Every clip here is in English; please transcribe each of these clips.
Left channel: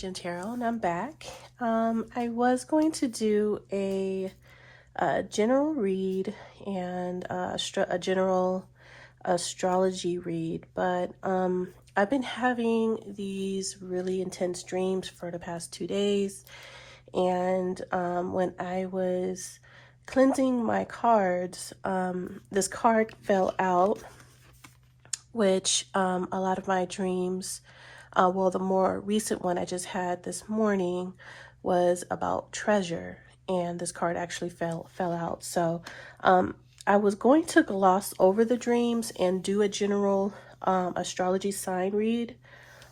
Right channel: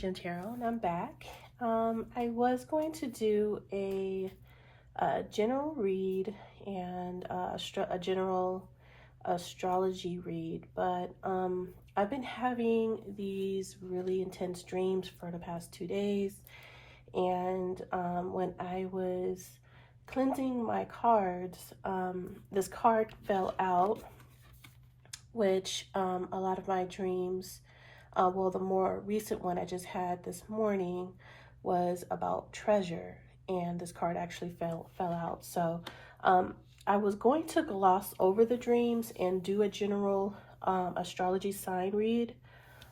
Ascension Tarot, and I'm back. I was going to do a general read and a general astrology read, but I've been having these really intense dreams for the past 2 days, and when I was cleansing my cards, this card fell out, which a lot of my dreams, well, the more recent one I just had this morning was about treasure, and this card actually fell out. So I was going to gloss over the dreams and do a general astrology sign read,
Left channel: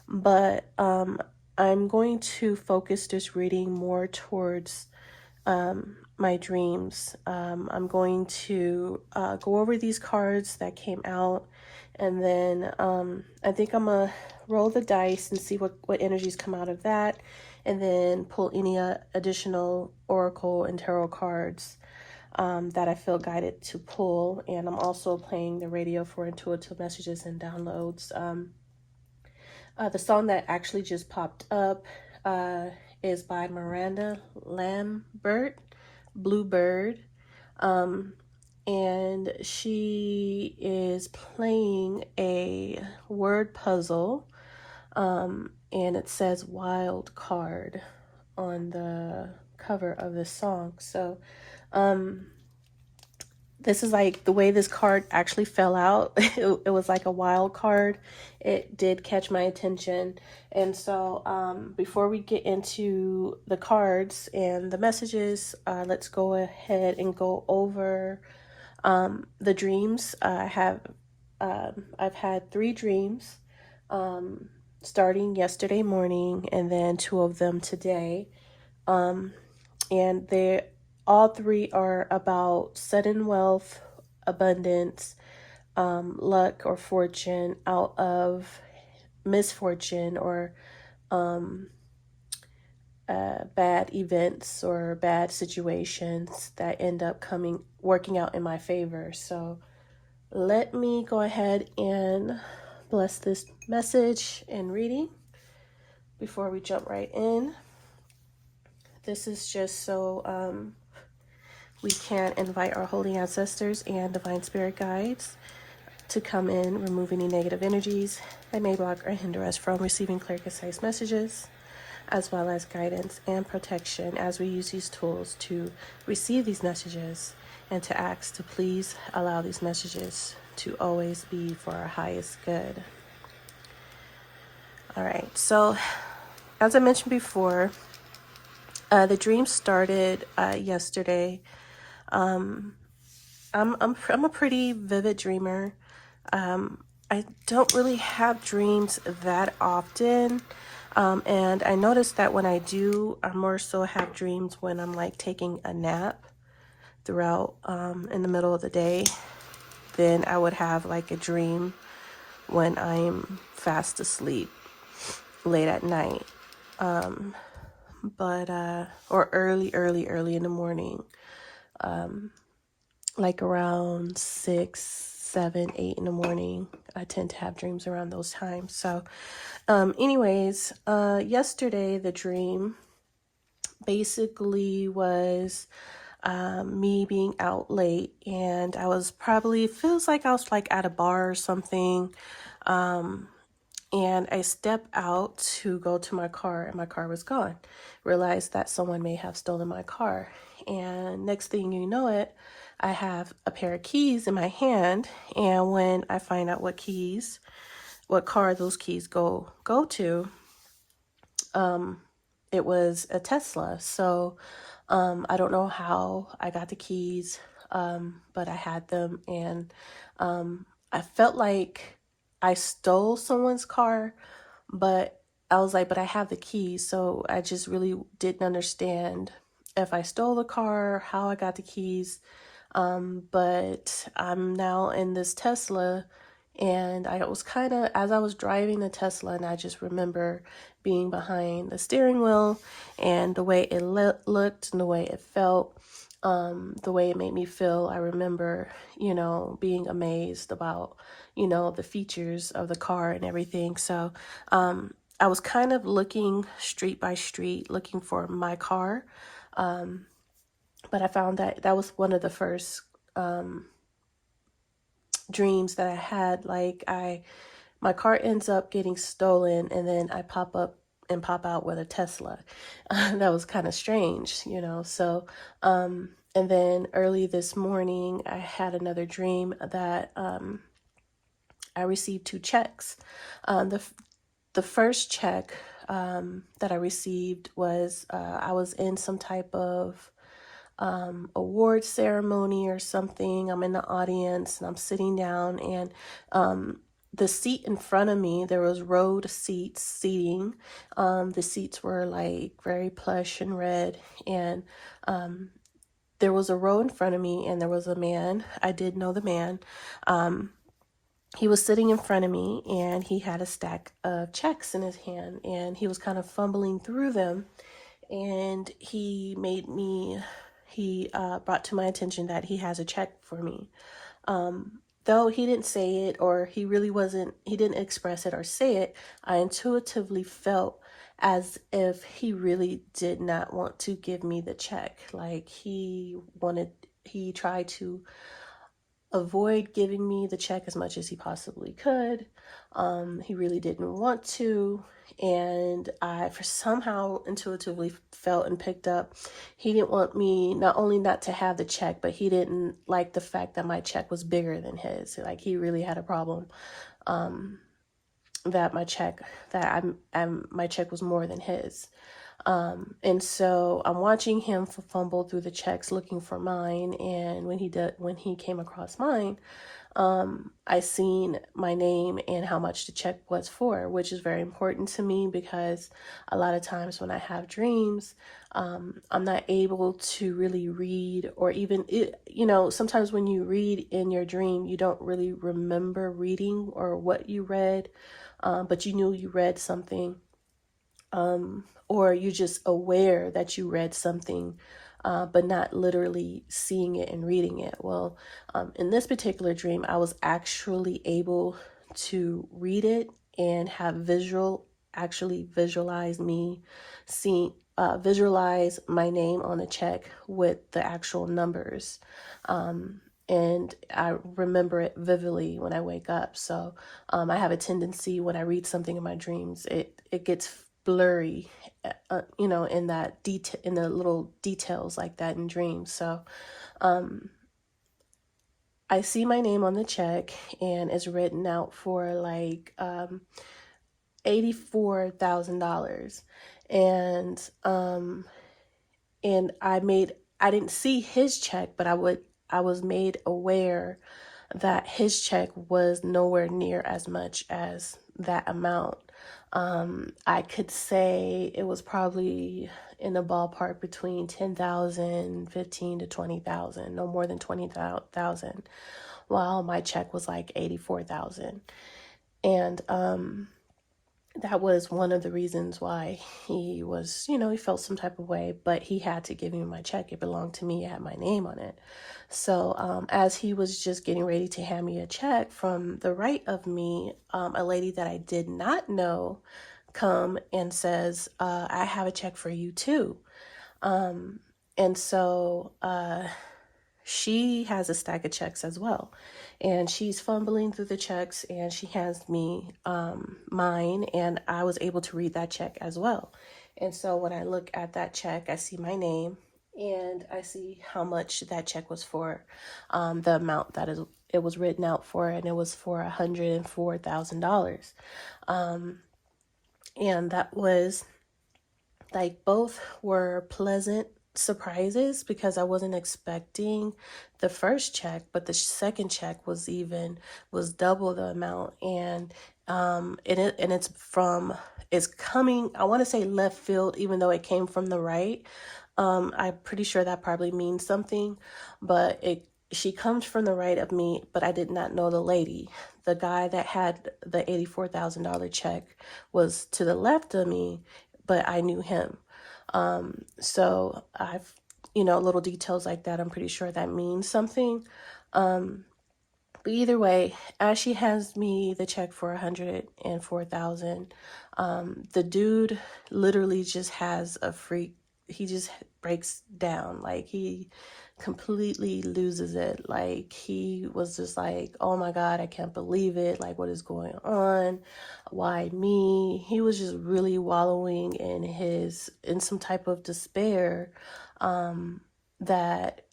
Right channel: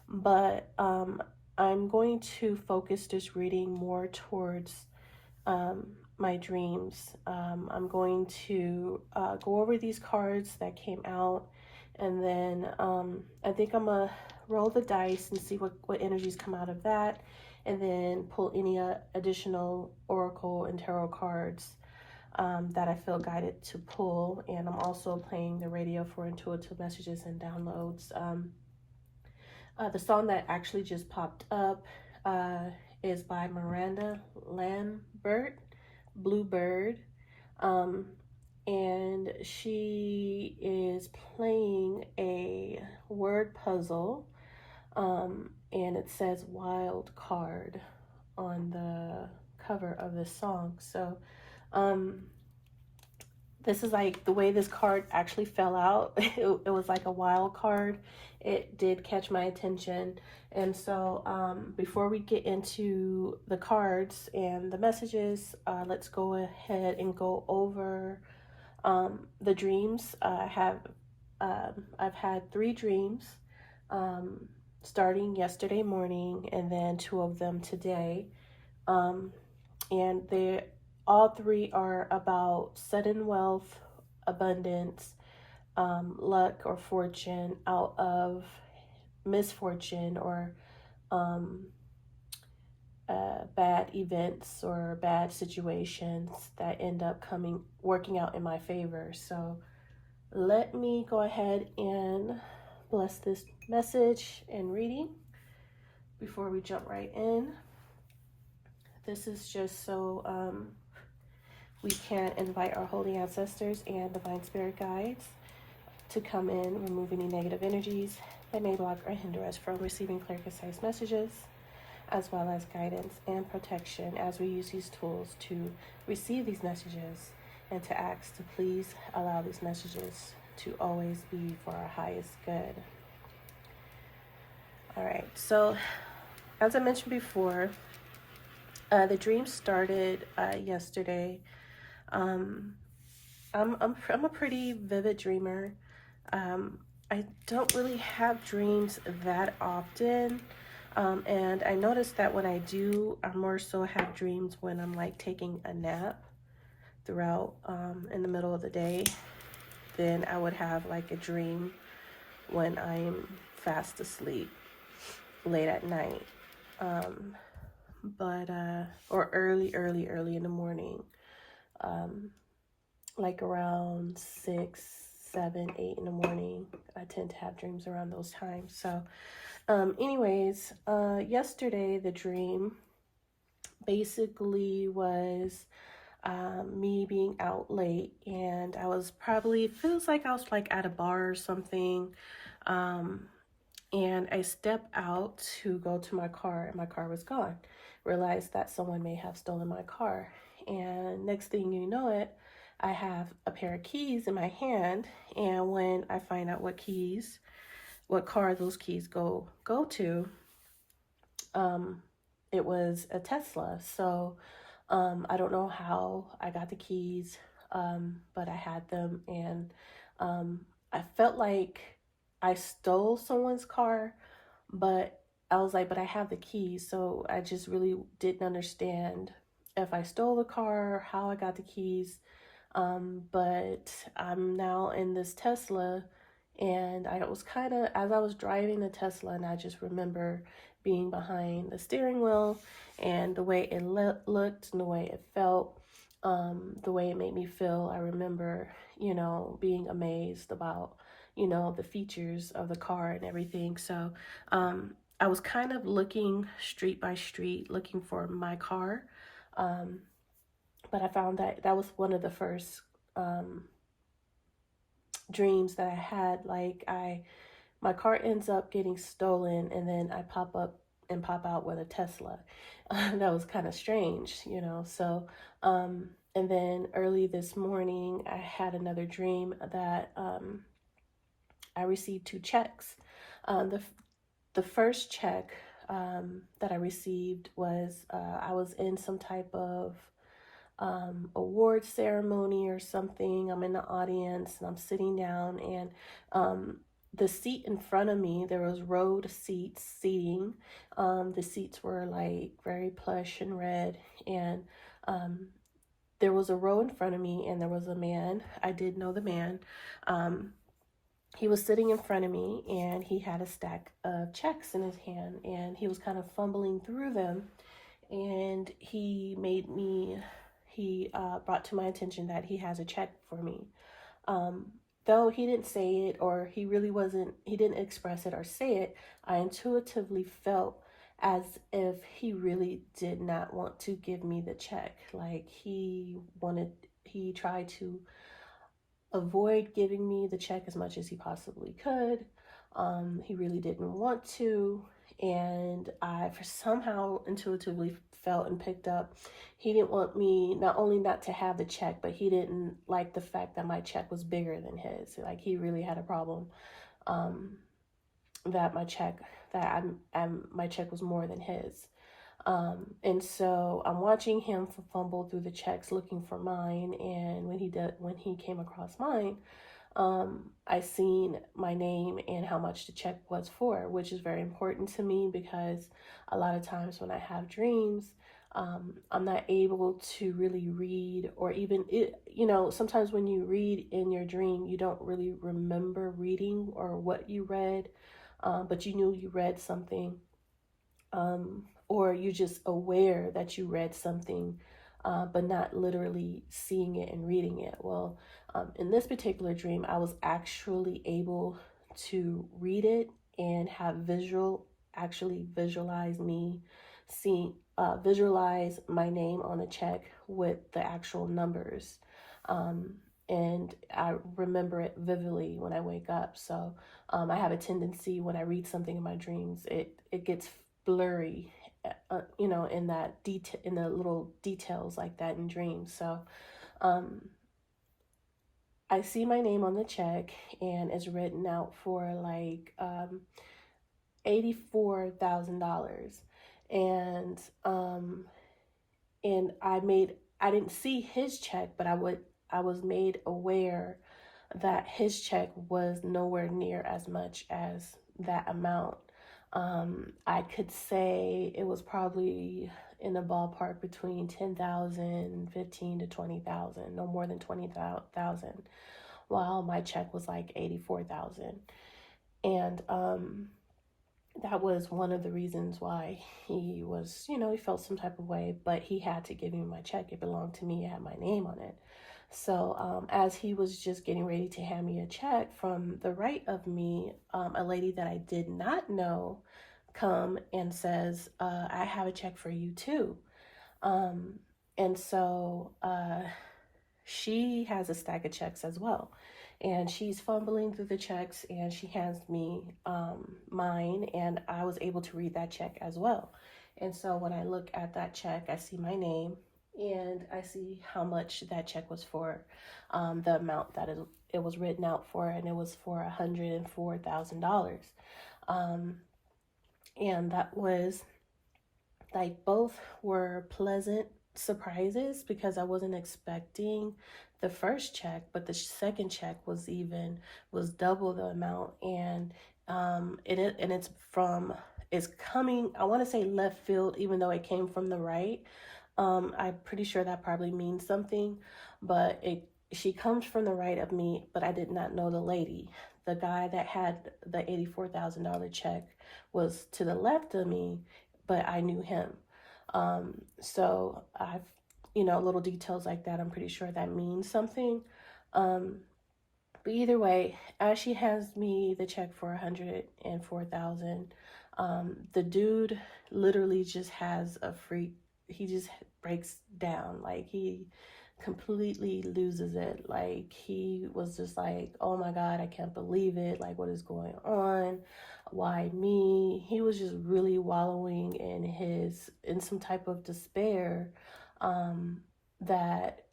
but I'm going to focus this reading more towards my dreams. I'm going to go over these cards that came out, and then I think I'm gonna roll the dice and see what energies come out of that, and then pull any additional oracle and tarot cards that I feel guided to pull. And I'm also playing the radio for intuitive messages and downloads. The song that actually just popped up is by Miranda, Lambert, Bluebird, and she is playing a word puzzle, and it says wild card on the cover of the song. So this is like the way this card actually fell out. It was like a wild card. It did catch my attention. And so before we get into the cards and the messages, let's go ahead and go over the dreams. I've had 3 dreams starting yesterday morning, and then 2 of them today. And all 3 are about sudden wealth, abundance, luck or fortune out of misfortune or bad events or bad situations that end up working out in my favor. So let me go ahead and bless this message and reading before we jump right in. This is just so we can invite our holy ancestors and divine spirit guides to come in, remove any negative energies that may block or hinder us from receiving clear, concise messages, as well as guidance and protection as we use these tools to receive these messages, and to ask to please allow these messages to always be for our highest good. All right, so as I mentioned before, the dream started yesterday. I'm a pretty vivid dreamer. I don't really have dreams that often. And I noticed that when I do, I more so have dreams when I'm like taking a nap throughout in the middle of the day. Then I would have like a dream when I'm fast asleep late at night. Or early in the morning, like around 6, 7, 8 in the morning. I tend to have dreams around those times. So anyways, yesterday the dream basically was me being out late, and feels like I was like at a bar or something. And I stepped out to go to my car, and my car was gone. Realized that someone may have stolen my car. And next thing you know it, I have a pair of keys in my hand. And when I find out what car those keys go to, it was a Tesla. So I don't know how I got the keys, but I had them, and I felt like I stole someone's car, but I was like, but I have the keys. So I just really didn't understand if I stole the car, how I got the keys. But I'm now in this Tesla, and I was as I was driving the Tesla, and I just remember being behind the steering wheel, and the way it looked and the way it felt, the way it made me feel. I remember, being amazed about, the features of the car and everything. So I was kind of looking street by street, looking for my car. But I found that that was one of the first dreams that I had. Like my car ends up getting stolen, and then I pop up and pop out with a Tesla. That was kind of strange, you know. So, and then early this morning, I had another dream that I received two checks. The first check that I received was I was in some type of award ceremony or something. I'm in the audience and I'm sitting down, and the seat in front of me, there was road seating. The seats were like very plush and red, and there was a row in front of me, and there was a man. I did know the man. He was sitting in front of me, and he had a stack of checks in his hand, and he was kind of fumbling through them, and he brought to my attention that he has a check for me. Though he didn't say it, or he didn't express it or say it, I intuitively felt as if he really did not want to give me the check. Like he tried to avoid giving me the check as much as he possibly could. He really didn't want to. And I, for somehow intuitively felt and picked up, he didn't want me not only not to have the check, but he didn't like the fact that my check was bigger than his. Like he really had a problem that my check was more than his. And so I'm watching him fumble through the checks looking for mine. And when he came across mine, I seen my name and how much the check was for, which is very important to me because a lot of times when I have dreams, I'm not able to really read, or even, sometimes when you read in your dream, you don't really remember reading or what you read, but you knew you read something. Or you're just aware that you read something, but not literally seeing it and reading it. Well, in this particular dream, I was actually able to read it and actually visualize visualize my name on a check with the actual numbers. And I remember it vividly when I wake up. So I have a tendency when I read something in my dreams, it gets blurry, in that detail, in the little details like that in dreams. So I see my name on the check, and it's written out for like $84,000, and I didn't see his check, but I was made aware that his check was nowhere near as much as that amount. I could say it was probably in the ballpark between 10,000, 15 to 20,000, no more than 20,000, while my check was like 84,000. And that was one of the reasons why he was, he felt some type of way, but he had to give me my check. It belonged to me. It had my name on it. So as he was just getting ready to hand me a check, from the right of me, a lady that I did not know come and says, I have a check for you too. And so she has a stack of checks as well. And she's fumbling through the checks, and she hands me mine, and I was able to read that check as well. And so when I look at that check, I see my name, and I see how much that check was for, the amount that it was written out for, and it was for $104,000. And that was like, both were pleasant surprises because I wasn't expecting the first check, but the second check was double the amount. And it's coming, I want to say left field, even though it came from the right. I'm pretty sure that probably means something, but she comes from the right of me, but I did not know the lady. The guy that had the $84,000 check was to the left of me, but I knew him. So I've, little details like that, I'm pretty sure that means something. But either way, as she hands me the check for $104,000, The dude literally just has a freak. He just breaks down. Like, he completely loses it. Like, he was just like, oh my God, I can't believe it. Like, what is going on? Why me? He was just really wallowing in some type of despair, that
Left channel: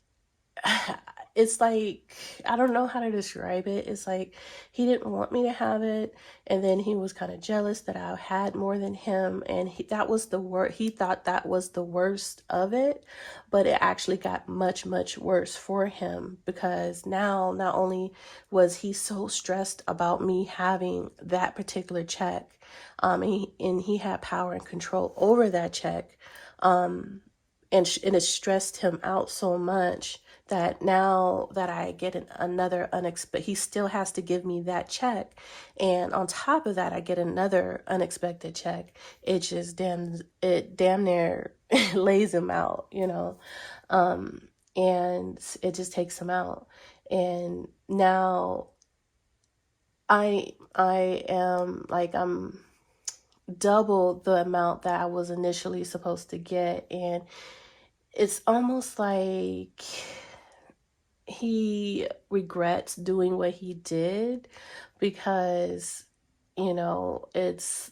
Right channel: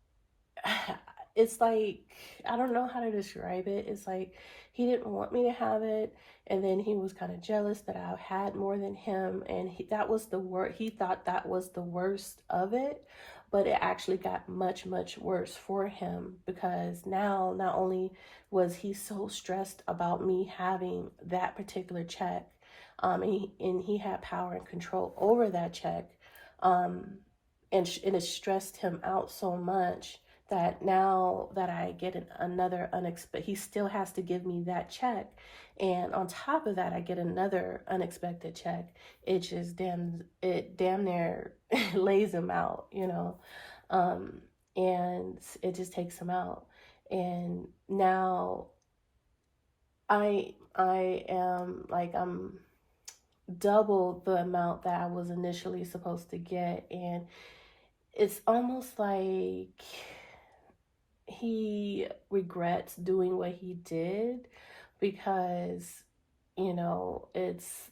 it's like, I don't know how to describe it. It's like he didn't want me to have it, and then he was kind of jealous that I had more than him, and that was the worst. He thought that was the worst of it, but it actually got much, much worse for him, because now not only was he so stressed about me having that particular check, and he had power and control over that check, and it stressed him out so much that now that I get another unexpected, he still has to give me that check. And on top of that, I get another unexpected check. It damn near lays him out, and it just takes him out. And now I am like, I'm double the amount that I was initially supposed to get. And it's almost like he regrets doing what he did, because it's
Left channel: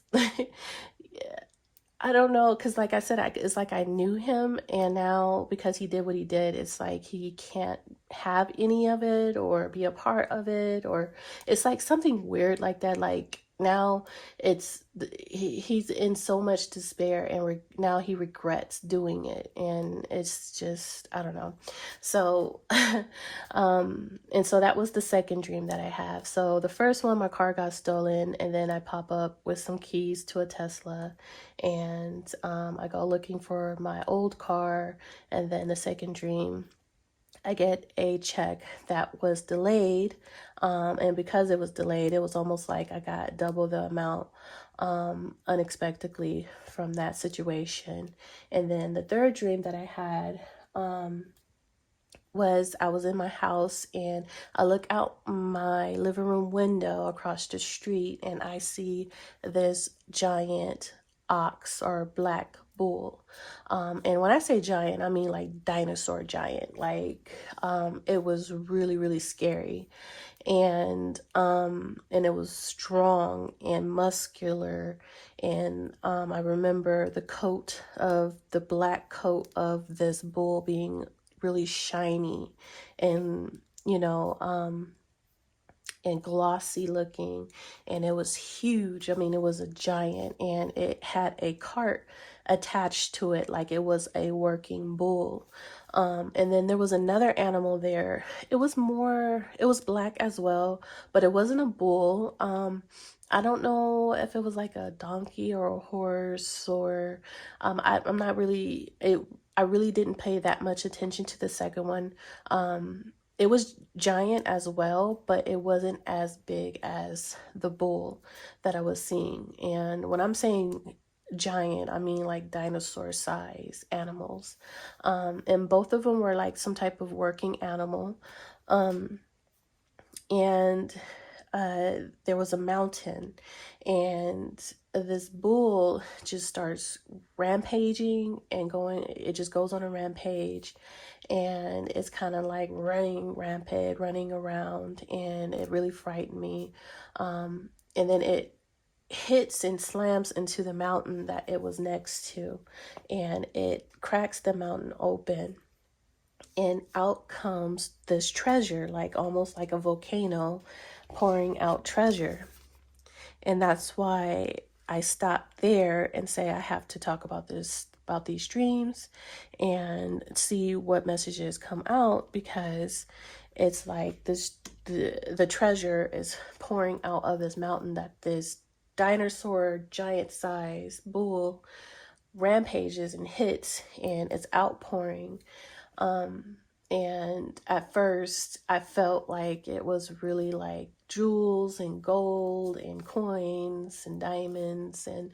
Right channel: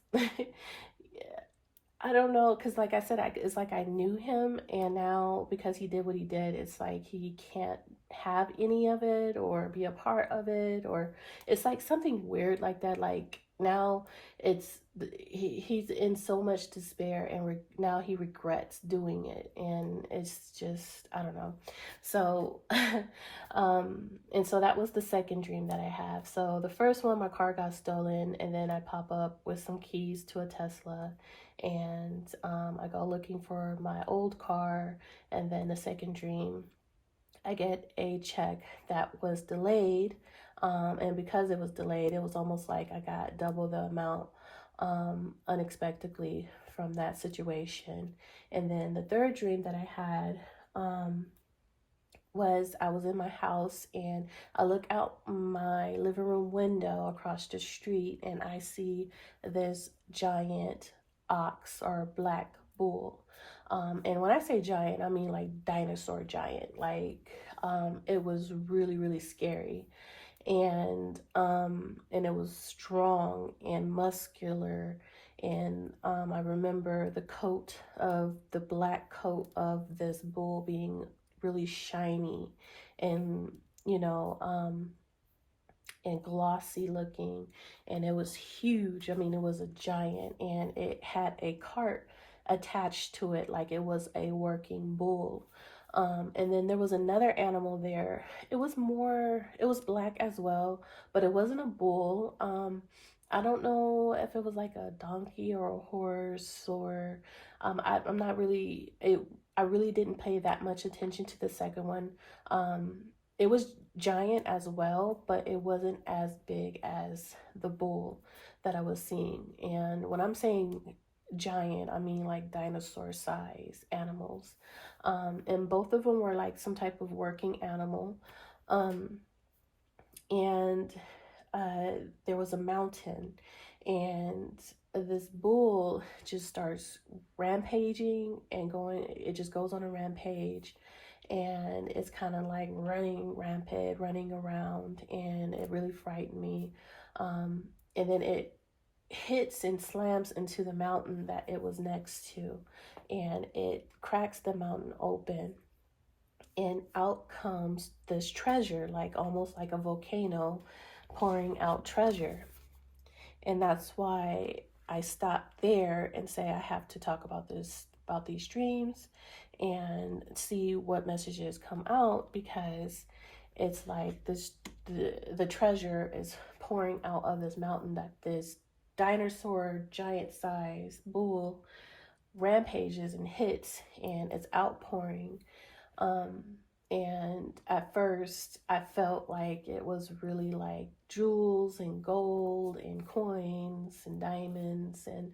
I don't know, because like I said, it's like I knew him, and now because he did what he did, it's like he can't have any of it or be a part of it, or it's like something weird like that. Like, now he's in so much despair, and now he regrets doing it, and it's just, I don't know. So and so that was the second dream that I have. So the first one, my car got stolen, and then I pop up with some keys to a Tesla, and I go looking for my old car. And then the second dream, I get a check that was delayed, and because it was delayed, it was almost like I got double the amount, unexpectedly, from that situation. And then the third dream that I had, was I was in my house, and I look out my living room window across the street, and I see this giant ox or black bull. And when I say giant, I mean like dinosaur giant. Like, it was really, really scary. And it was strong and muscular. And I remember the black coat of this bull being really shiny, and and glossy looking, and it was huge. I mean, it was a giant, and it had a cart attached to it, like it was a working bull. And then there was another animal there. It was black as well, but it wasn't a bull. I don't know if it was like a donkey or a horse, or I'm not really, I really didn't pay that much attention to the second one. It was giant as well, but it wasn't as big as the bull that I was seeing. And when I'm saying giant, I mean like dinosaur size animals. And both of them were like some type of working animal. Um, and there was a mountain, and this bull just starts rampaging and going, it just goes on a rampage, and it's kind of like running rampant, running around, and it really frightened me. And then it hits and slams into the mountain that it was next to, and it cracks the mountain open, and out comes this treasure, like almost like a volcano pouring out treasure. And that's why I stop there and say I have to talk about these dreams, and see what messages come out, because it's like the treasure is pouring out of this mountain that this dinosaur giant size bull rampages and hits, and it's outpouring. And at first I felt like it was really like jewels and gold and coins and diamonds and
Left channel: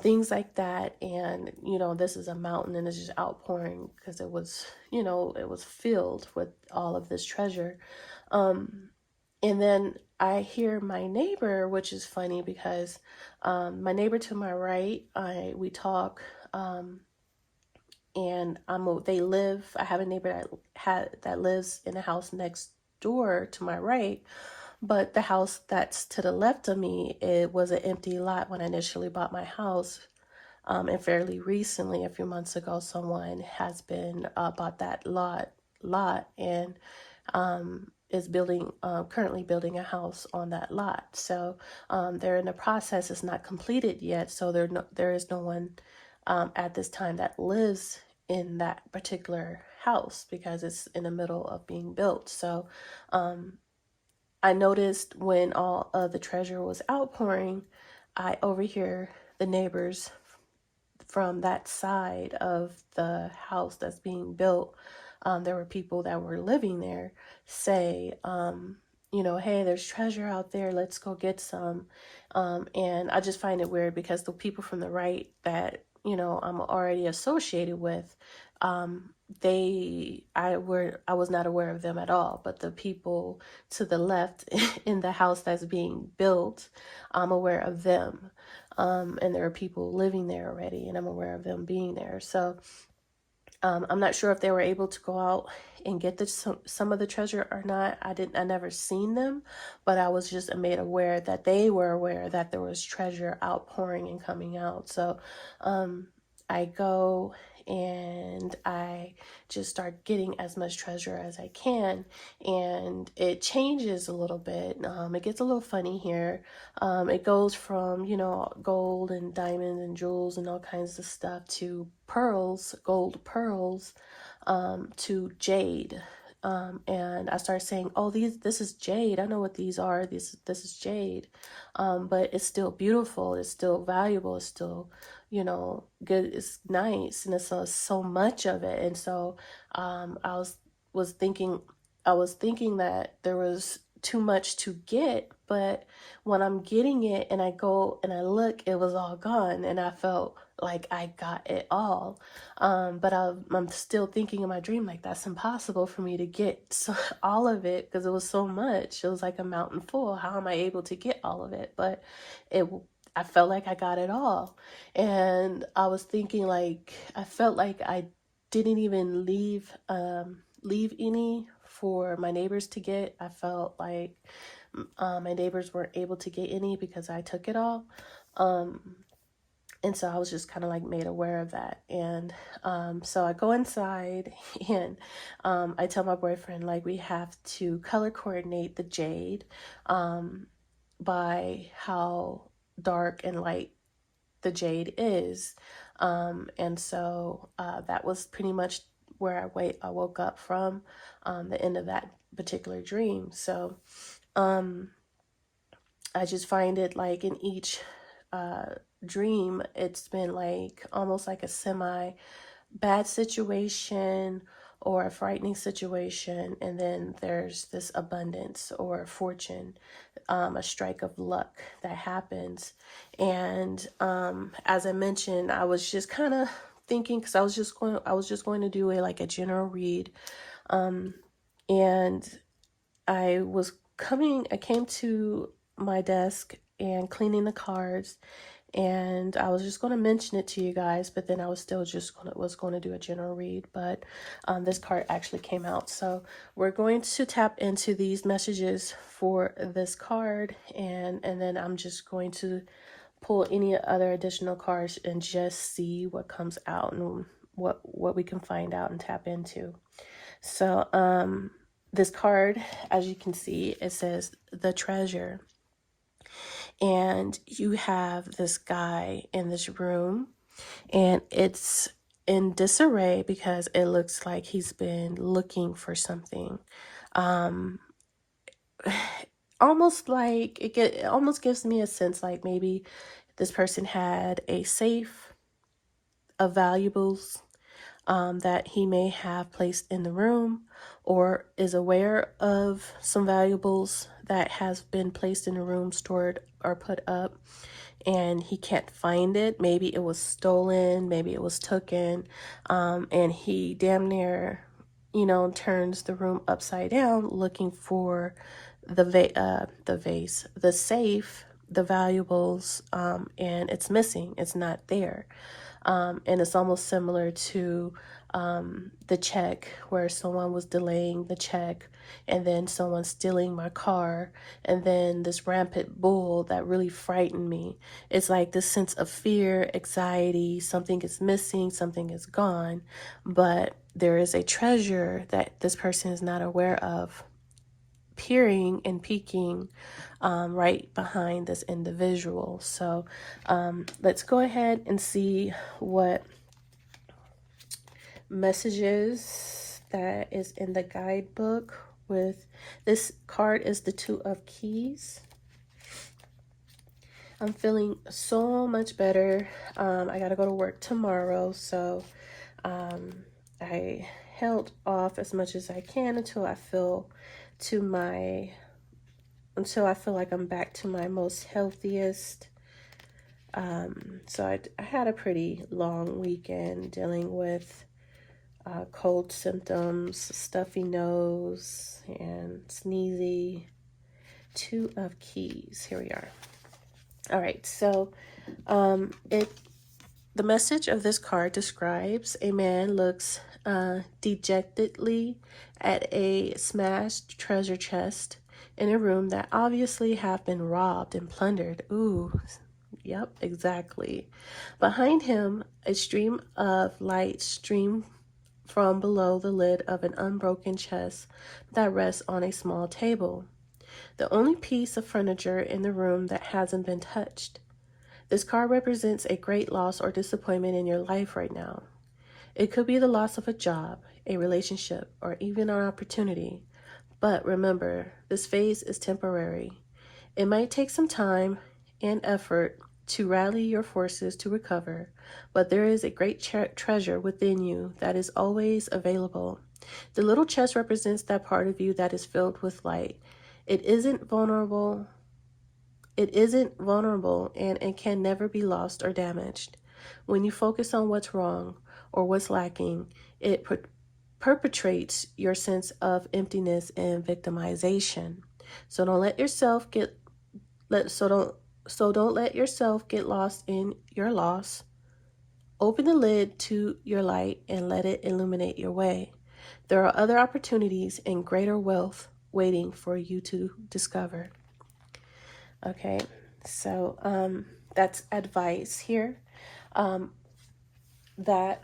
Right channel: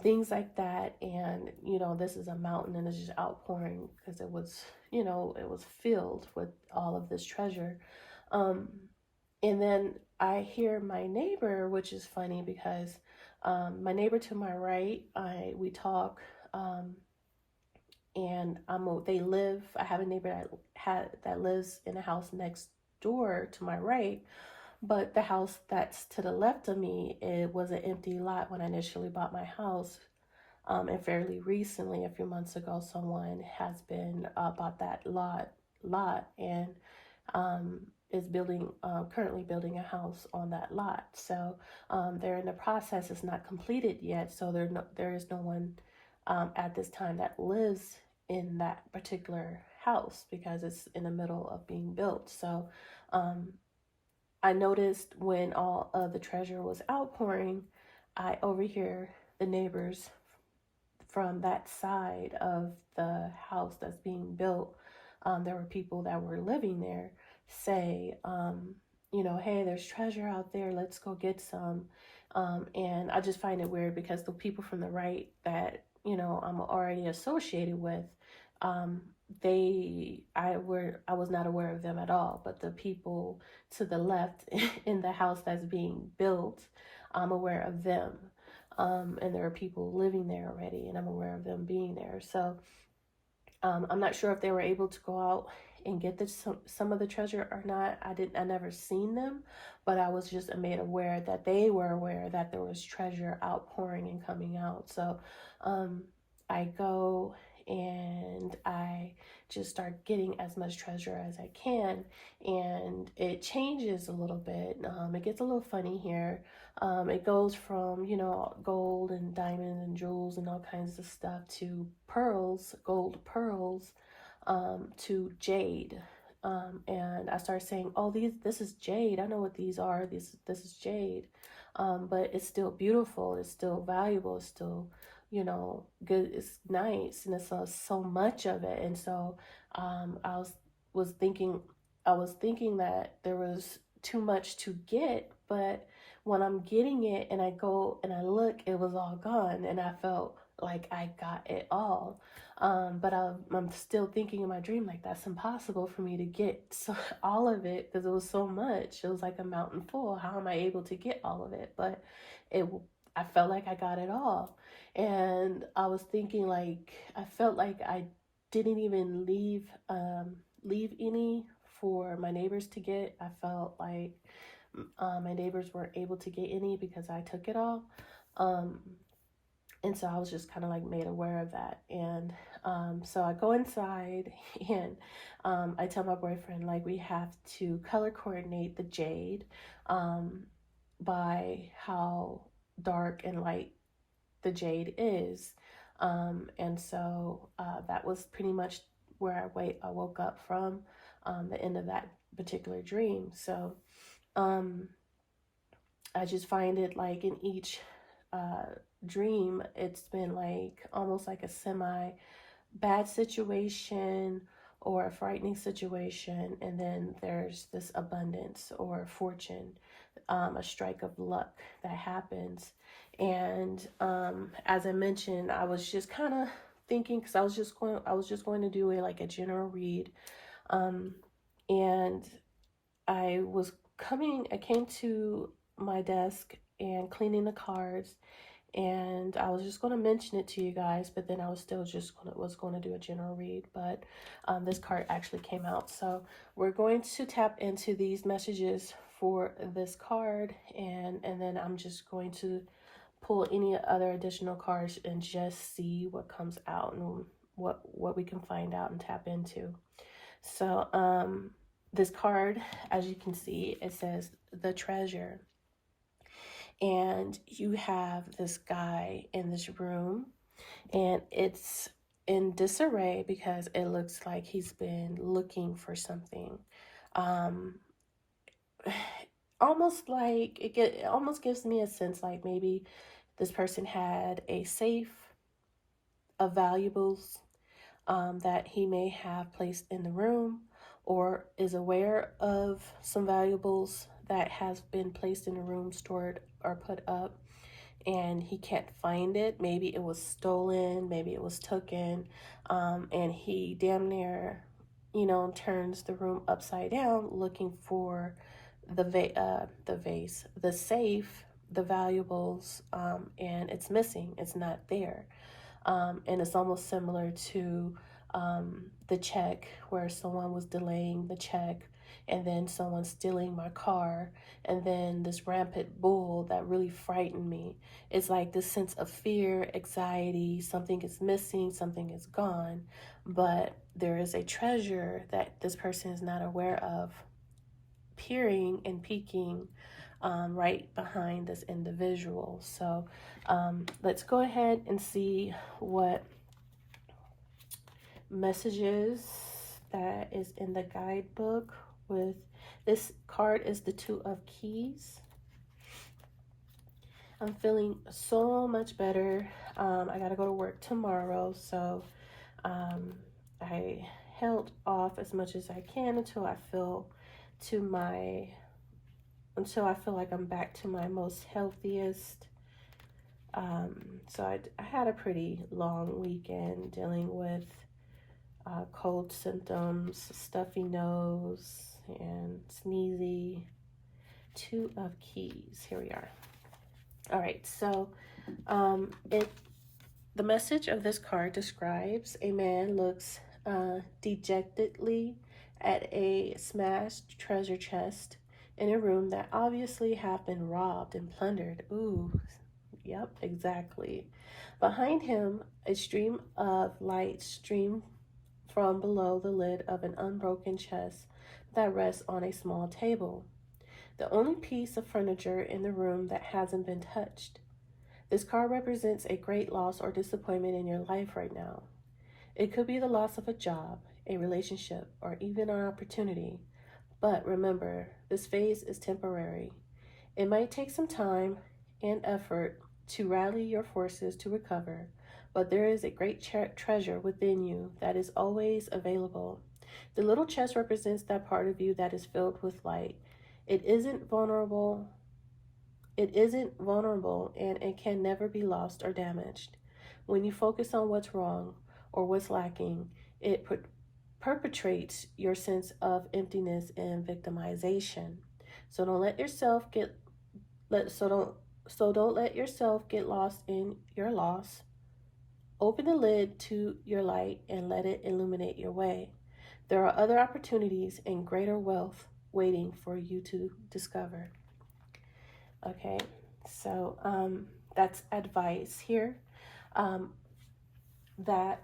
things like that. And this is a mountain, and it's just outpouring, because it was it was filled with all of this treasure. And then I hear my neighbor, which is funny because my neighbor to my right, we talk, and I have a neighbor that lives in the house next door to my right, but the house that's to the left of me, it was an empty lot when I initially bought my house. And fairly recently, a few months ago, someone has been bought that lot and is currently building a house on that lot. So they're in the process; it's not completed yet. So there is no one at this time that lives in that particular house because it's in the middle of being built. So um, I noticed when all of the treasure was outpouring, I overhear the neighbors from that side of the house that's being built. There were people that were living there say, hey, there's treasure out there. Let's go get some. And I just find it weird because the people from the right that, I'm already associated with, I was not aware of them at all. But the people to the left in the house that's being built, I'm aware of them. And there are people living there already, and I'm aware of them being there. So I'm not sure if they were able to go out and get some of the treasure or not. I never seen them, but I was just made aware that they were aware that there was treasure outpouring and coming out. So I go and I just start getting as much treasure as I can, and it changes a little bit. It gets a little funny here. It goes from, gold and diamonds and jewels and all kinds of stuff to pearls, gold pearls, to jade. And I started saying, oh, this is jade. I know what these are. This is jade. But it's still beautiful. It's still valuable. It's still, good. It's nice. And it's so much of it. And so, was thinking, I was thinking that there was too much to get, but when I'm getting it and I go and I look, it was all gone. And I felt like I got it all. But I'm still thinking in my dream, like, that's impossible for me to get all of it because it was so much. It was like a mountain full. How am I able to get all of it? But I felt like I got it all. And I was thinking, like, I felt like I didn't even leave any for my neighbors to get. I felt like my neighbors weren't able to get any because I took it all. And so I was just kind of like made aware of that. And so I go inside and I tell my boyfriend, like, we have to color coordinate the jade by how dark and light the jade is. And so that was pretty much where I woke up from the end of that particular dream. So I just find it like in each dream, it's been like almost like a semi bad situation or a frightening situation, and then there's this abundance or fortune, a strike of luck that happens. And as I mentioned, I was just kind of thinking, because I was just going to do a general read, and I came to my desk and cleaning the cards, and I was just going to mention it to you guys, but then I was still was going to do a general read. But this card actually came out, so we're going to tap into these messages for this card, and then I'm just going to pull any other additional cards and just see what comes out and what we can find out and tap into. So this card, as you can see, it says the treasure. And you have this guy in this room, and it's in disarray because it looks like he's been looking for something. Almost like it almost gives me a sense like maybe this person had a safe of valuables that he may have placed in the room, or is aware of some valuables that has been placed in the room, stored or put up, and he can't find it. Maybe it was stolen, maybe it was taken, and he damn near, turns the room upside down looking for the vase, the safe, the valuables, and it's missing. It's not there. And it's almost similar to the check, where someone was delaying the check, and then someone stealing my car, and then this rampant bull that really frightened me. It's like this sense of fear, anxiety, something is missing, something is gone, but there is a treasure that this person is not aware of, peering and peeking right behind this individual. So let's go ahead and see what messages that is in the guidebook. With this card is the Two of Keys. I'm feeling so much better. I gotta go to work tomorrow, so I held off as much as I can until I feel like I'm back to my most healthiest. So I had a pretty long weekend dealing with cold symptoms, stuffy nose, and sneezy. Two of Keys. Here we are. All right, so the message of this card describes a man looks dejectedly at a smashed treasure chest in a room that obviously have been robbed and plundered. Ooh, yep, exactly. Behind him, a stream of light stream from below the lid of an unbroken chest that rests on a small table, the only piece of furniture in the room that hasn't been touched. This card represents a great loss or disappointment in your life right now. It could be the loss of a job, a relationship, or even an opportunity. But remember, this phase is temporary. It might take some time and effort to rally your forces to recover, but there is a great treasure within you that is always available. The little chest represents that part of you that is filled with light. It isn't vulnerable and it can never be lost or damaged. When you focus on what's wrong or what's lacking, it perpetrates your sense of emptiness and victimization. So don't let yourself get lost in your loss. Open the lid to your light and let it illuminate your way. There are other opportunities and greater wealth waiting for you to discover. Okay, so that's advice here. That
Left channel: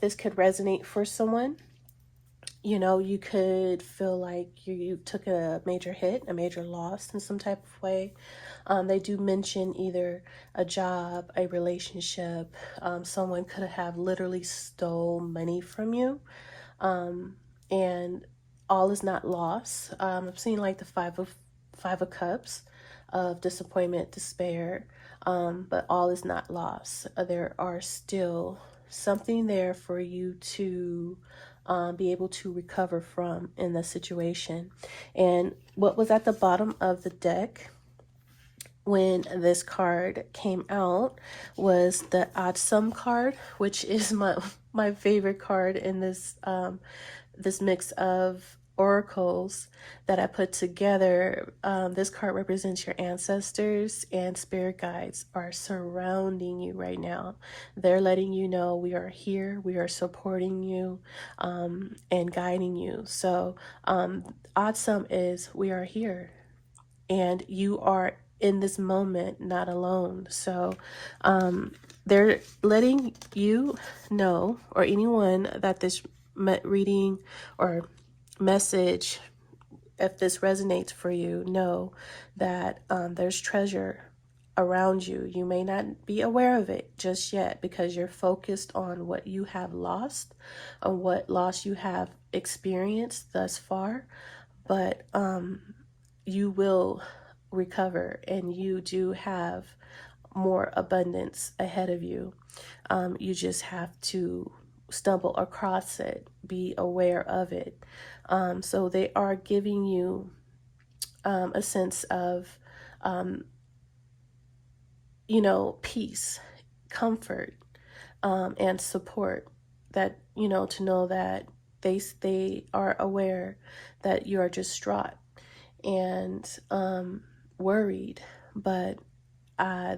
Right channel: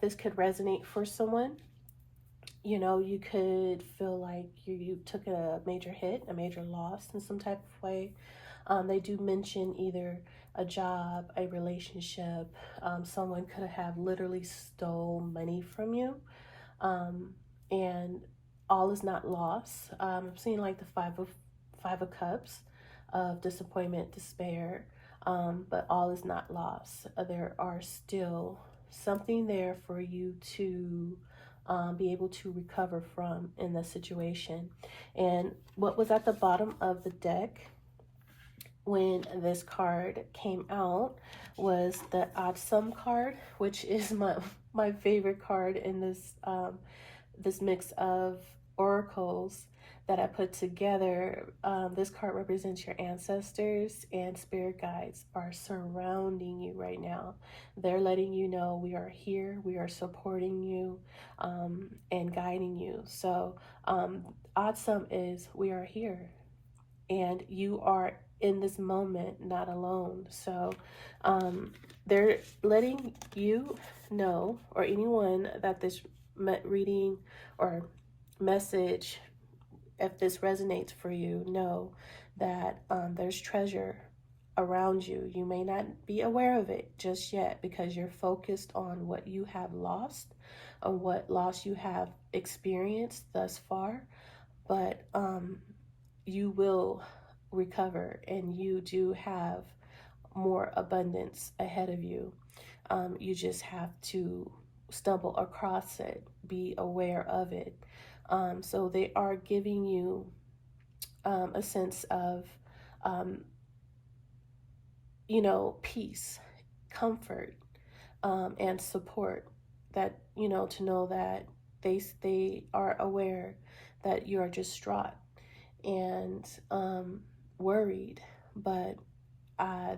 this could resonate for someone. You know, you could feel like you took a major hit, a major loss in some type of way. They do mention either a job, a relationship. Someone could have literally stole money from you, and all is not lost. I'm seeing like the five of cups, of disappointment, despair, but all is not lost. There are still something there for you to be able to recover from in the situation. And what was at the bottom of the deck when this card came out was the odd sum card, which is my favorite card in this this mix of oracles that I put together. This card represents your ancestors, and spirit guides are surrounding you right now. They're letting you know we are here, we are supporting you, and guiding you. So odd sum is we are here, and you are in this moment not alone. So they're letting you know, or anyone that this reading or message, if this resonates for you, know that there's treasure around you. You may not be aware of it just yet because you're focused on what you have lost, on what loss you have experienced thus far, but you will recover, and you do have more abundance ahead of you. You just have to stumble across it, be aware of it. So they are giving you a sense of, peace, comfort, and support, that, to know that they are aware that you are distraught, and worried, but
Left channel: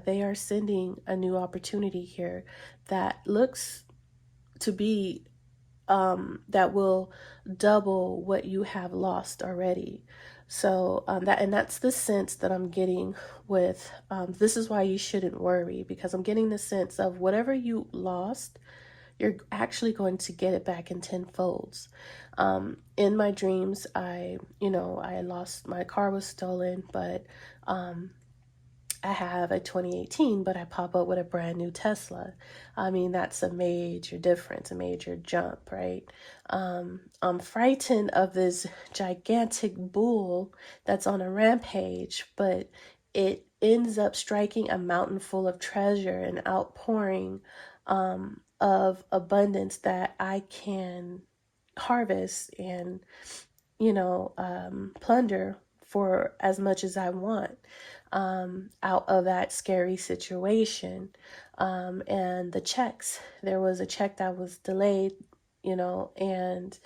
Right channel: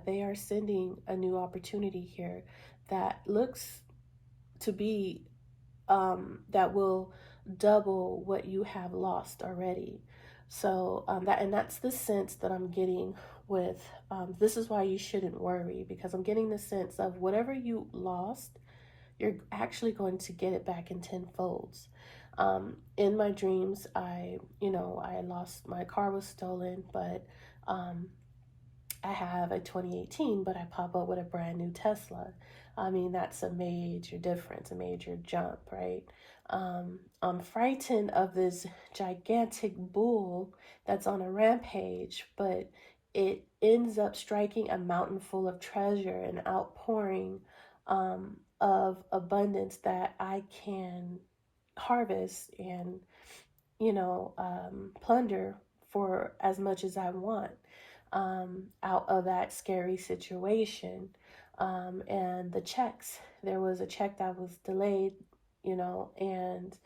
they are sending a new opportunity here that looks to be that will double what you have lost already. So that's the sense that I'm getting with this is why you shouldn't worry, because I'm getting the sense of whatever you lost, you're actually going to get it back in tenfolds. In my dreams, I lost, my car was stolen, but I have a 2018, but I pop up with a brand new Tesla. I mean, that's a major difference, a major jump, right? I'm frightened of this gigantic bull that's on a rampage, but it ends up striking a mountain full of treasure and outpouring of abundance that I can harvest and, plunder for as much as I want out of that scary situation. And the checks, there was a check that was delayed, and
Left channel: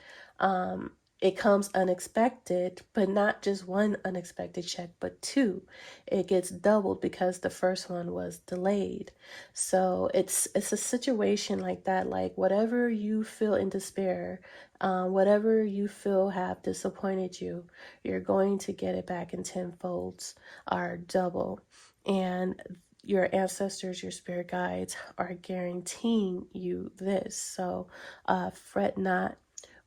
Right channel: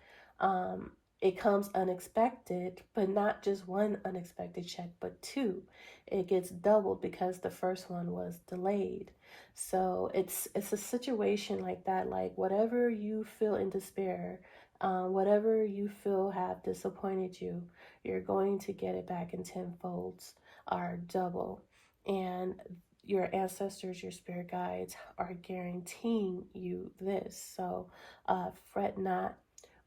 it comes unexpected, but not just one unexpected check, but two. It gets doubled because the first one was delayed. So it's a situation like that, like whatever you feel in despair, whatever you feel have disappointed you, you're going to get it back in tenfolds or double. And your ancestors, your spirit guides are guaranteeing you this. So fret not,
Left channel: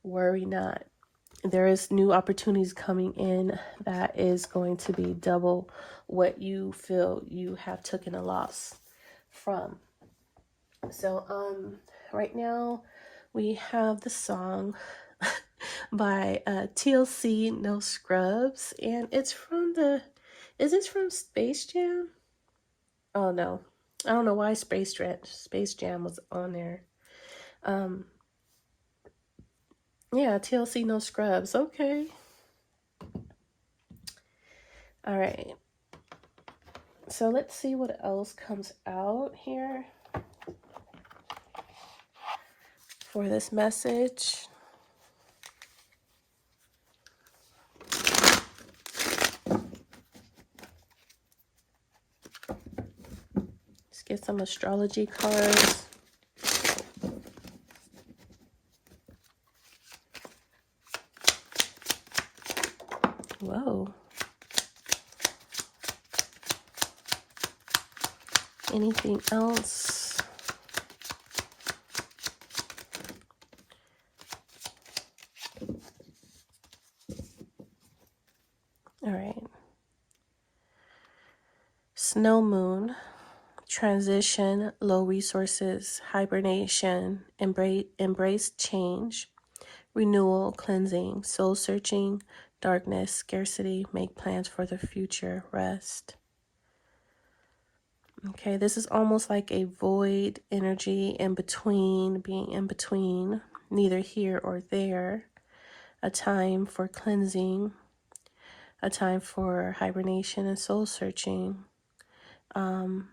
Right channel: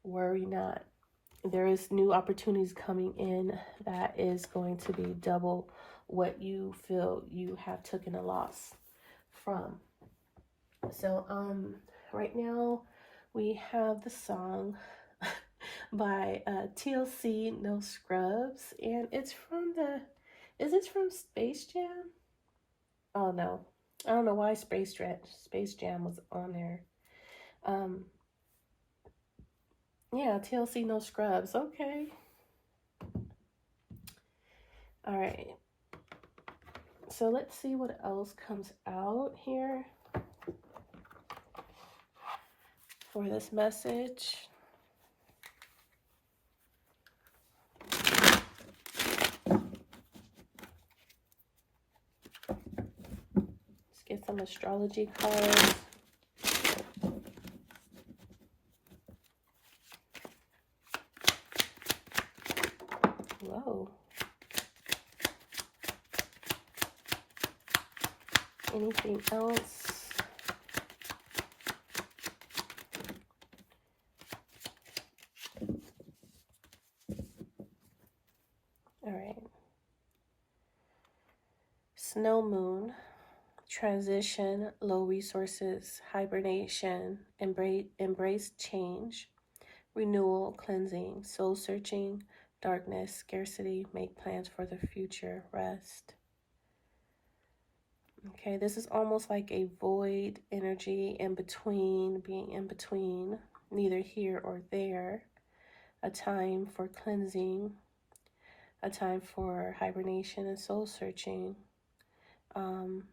worry not. There is new opportunities coming in that is going to be double what you feel you have taken a loss from. So right now we have the song by TLC No Scrubs, and it's from is this from Space Jam? Oh no, I don't know why Space Jam was on there. Yeah, TLC No Scrubs. Okay. All right. So let's see what else comes out here for this message. Let's get some astrology cards. Whoa. Anything else? All right. Snow moon, transition, low resources, hibernation, embrace change, renewal, cleansing, soul searching, darkness, scarcity, make plans for the future, rest. Okay, this is almost like a void energy in between, being in between, neither here or there. A time for cleansing, a time for hibernation and soul searching,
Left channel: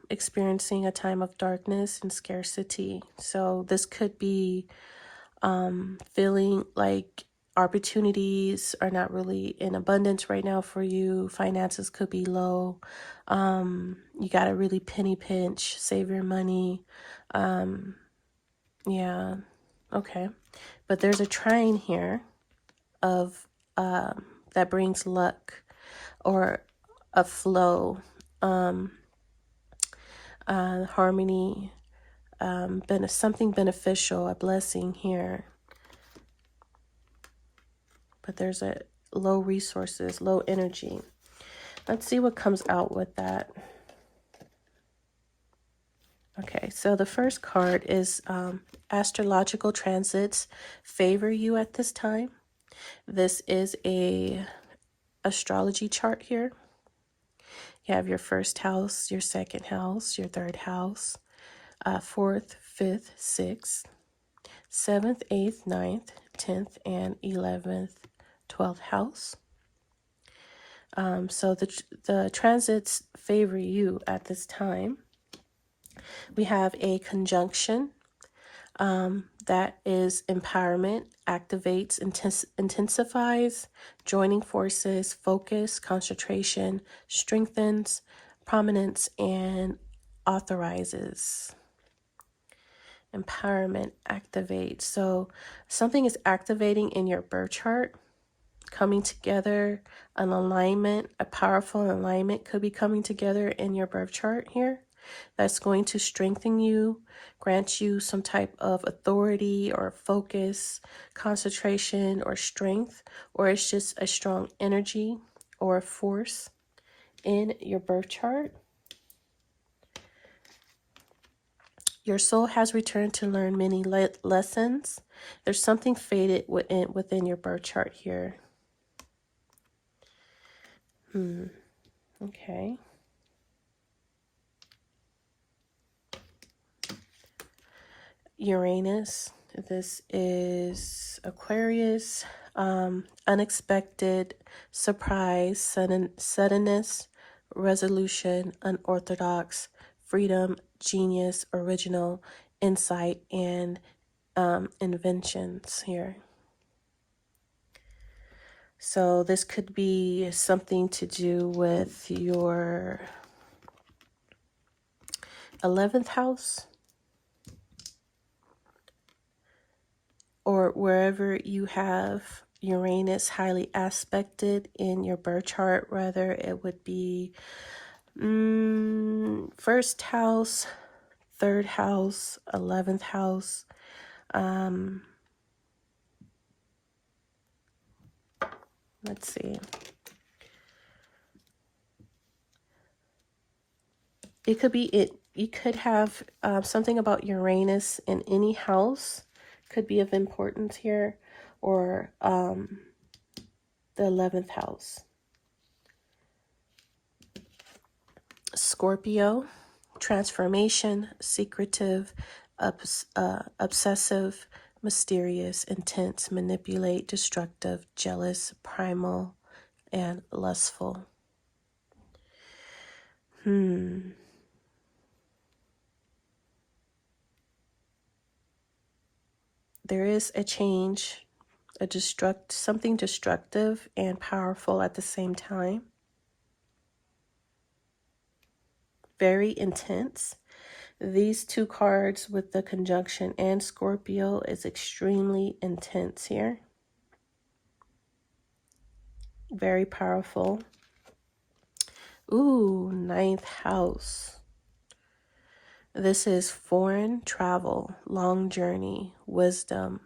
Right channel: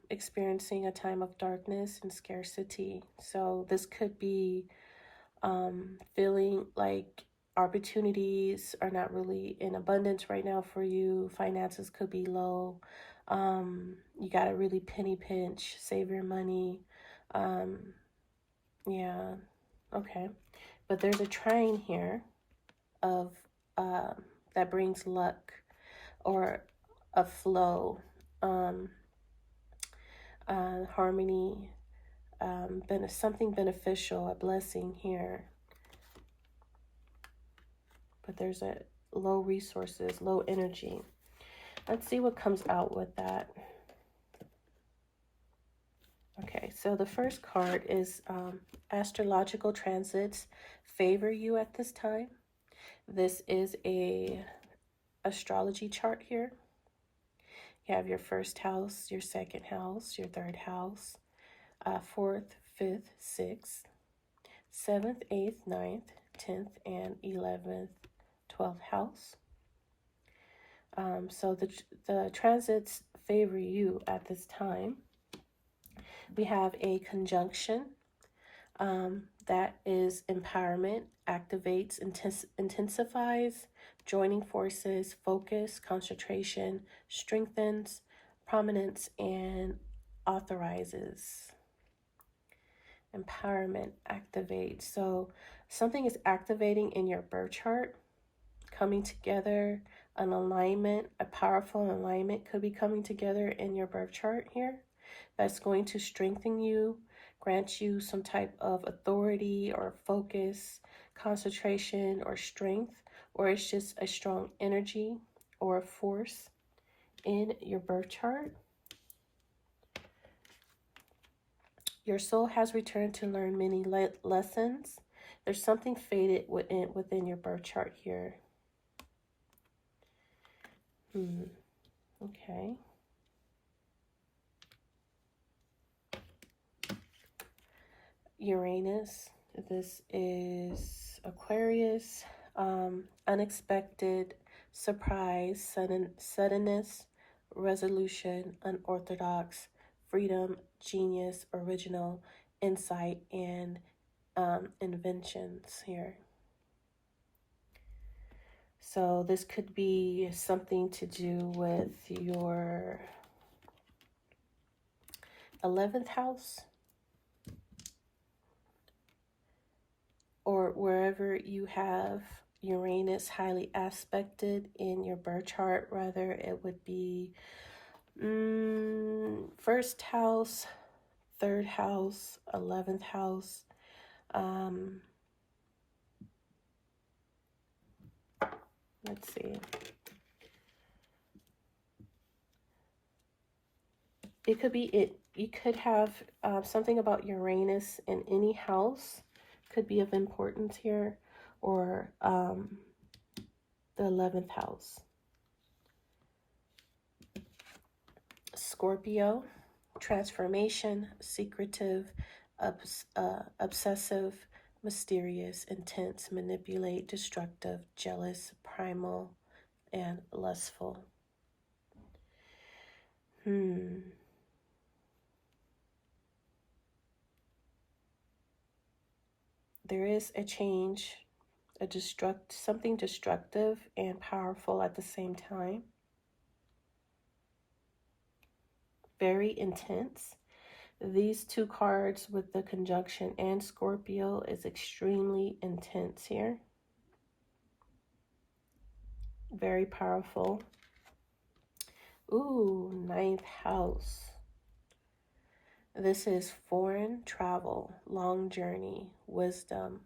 experiencing a time of darkness and scarcity. So this could be feeling like opportunities are not really in abundance right now for you. Finances could be low. You got to really penny pinch, save your money. Yeah, okay. But there's a trine here of that brings luck or a flow, harmony, something beneficial, a blessing here. But there's a low resources, low energy. Let's see what comes out with that. Okay, so the first card is astrological transits favor you at this time. This is a astrology chart here. You have your first house, your second house, your third house, 4th, 5th, 6th, 7th, 8th, 9th, 10th, and 11th, 12th house. So the transits favor you at this time. We have a conjunction, That is empowerment, activates, intensifies, joining forces, focus, concentration, strengthens, prominence, and authorizes. Empowerment, activate. So something is activating in your birth chart, coming together, an alignment, a powerful alignment could be coming together in your birth chart here. That's going to strengthen you, grant you some type of authority or focus, concentration or strength, or it's just a strong energy or a force in your birth chart. Your soul has returned to learn many lessons. There's something faded within your birth chart here. Okay. Uranus. This is Aquarius. Unexpected, surprise, suddenness, resolution, unorthodox, freedom, genius, original, insight, and inventions here. So this could be something to do with your 11th house, or wherever you have Uranus highly aspected in your birth chart, whether it would be first house, third house, 11th house. Let's see. It could be it. You could have something about Uranus in any house could be of importance here, or the 11th house. Scorpio, transformation, secretive, obsessive, mysterious, intense, manipulate, destructive, jealous, primal, and lustful. There is a change, something destructive and powerful at the same time. Very intense. These two cards with the conjunction and Scorpio is extremely intense here. Very powerful. Ooh, 9th house. This is foreign travel, long journey, wisdom,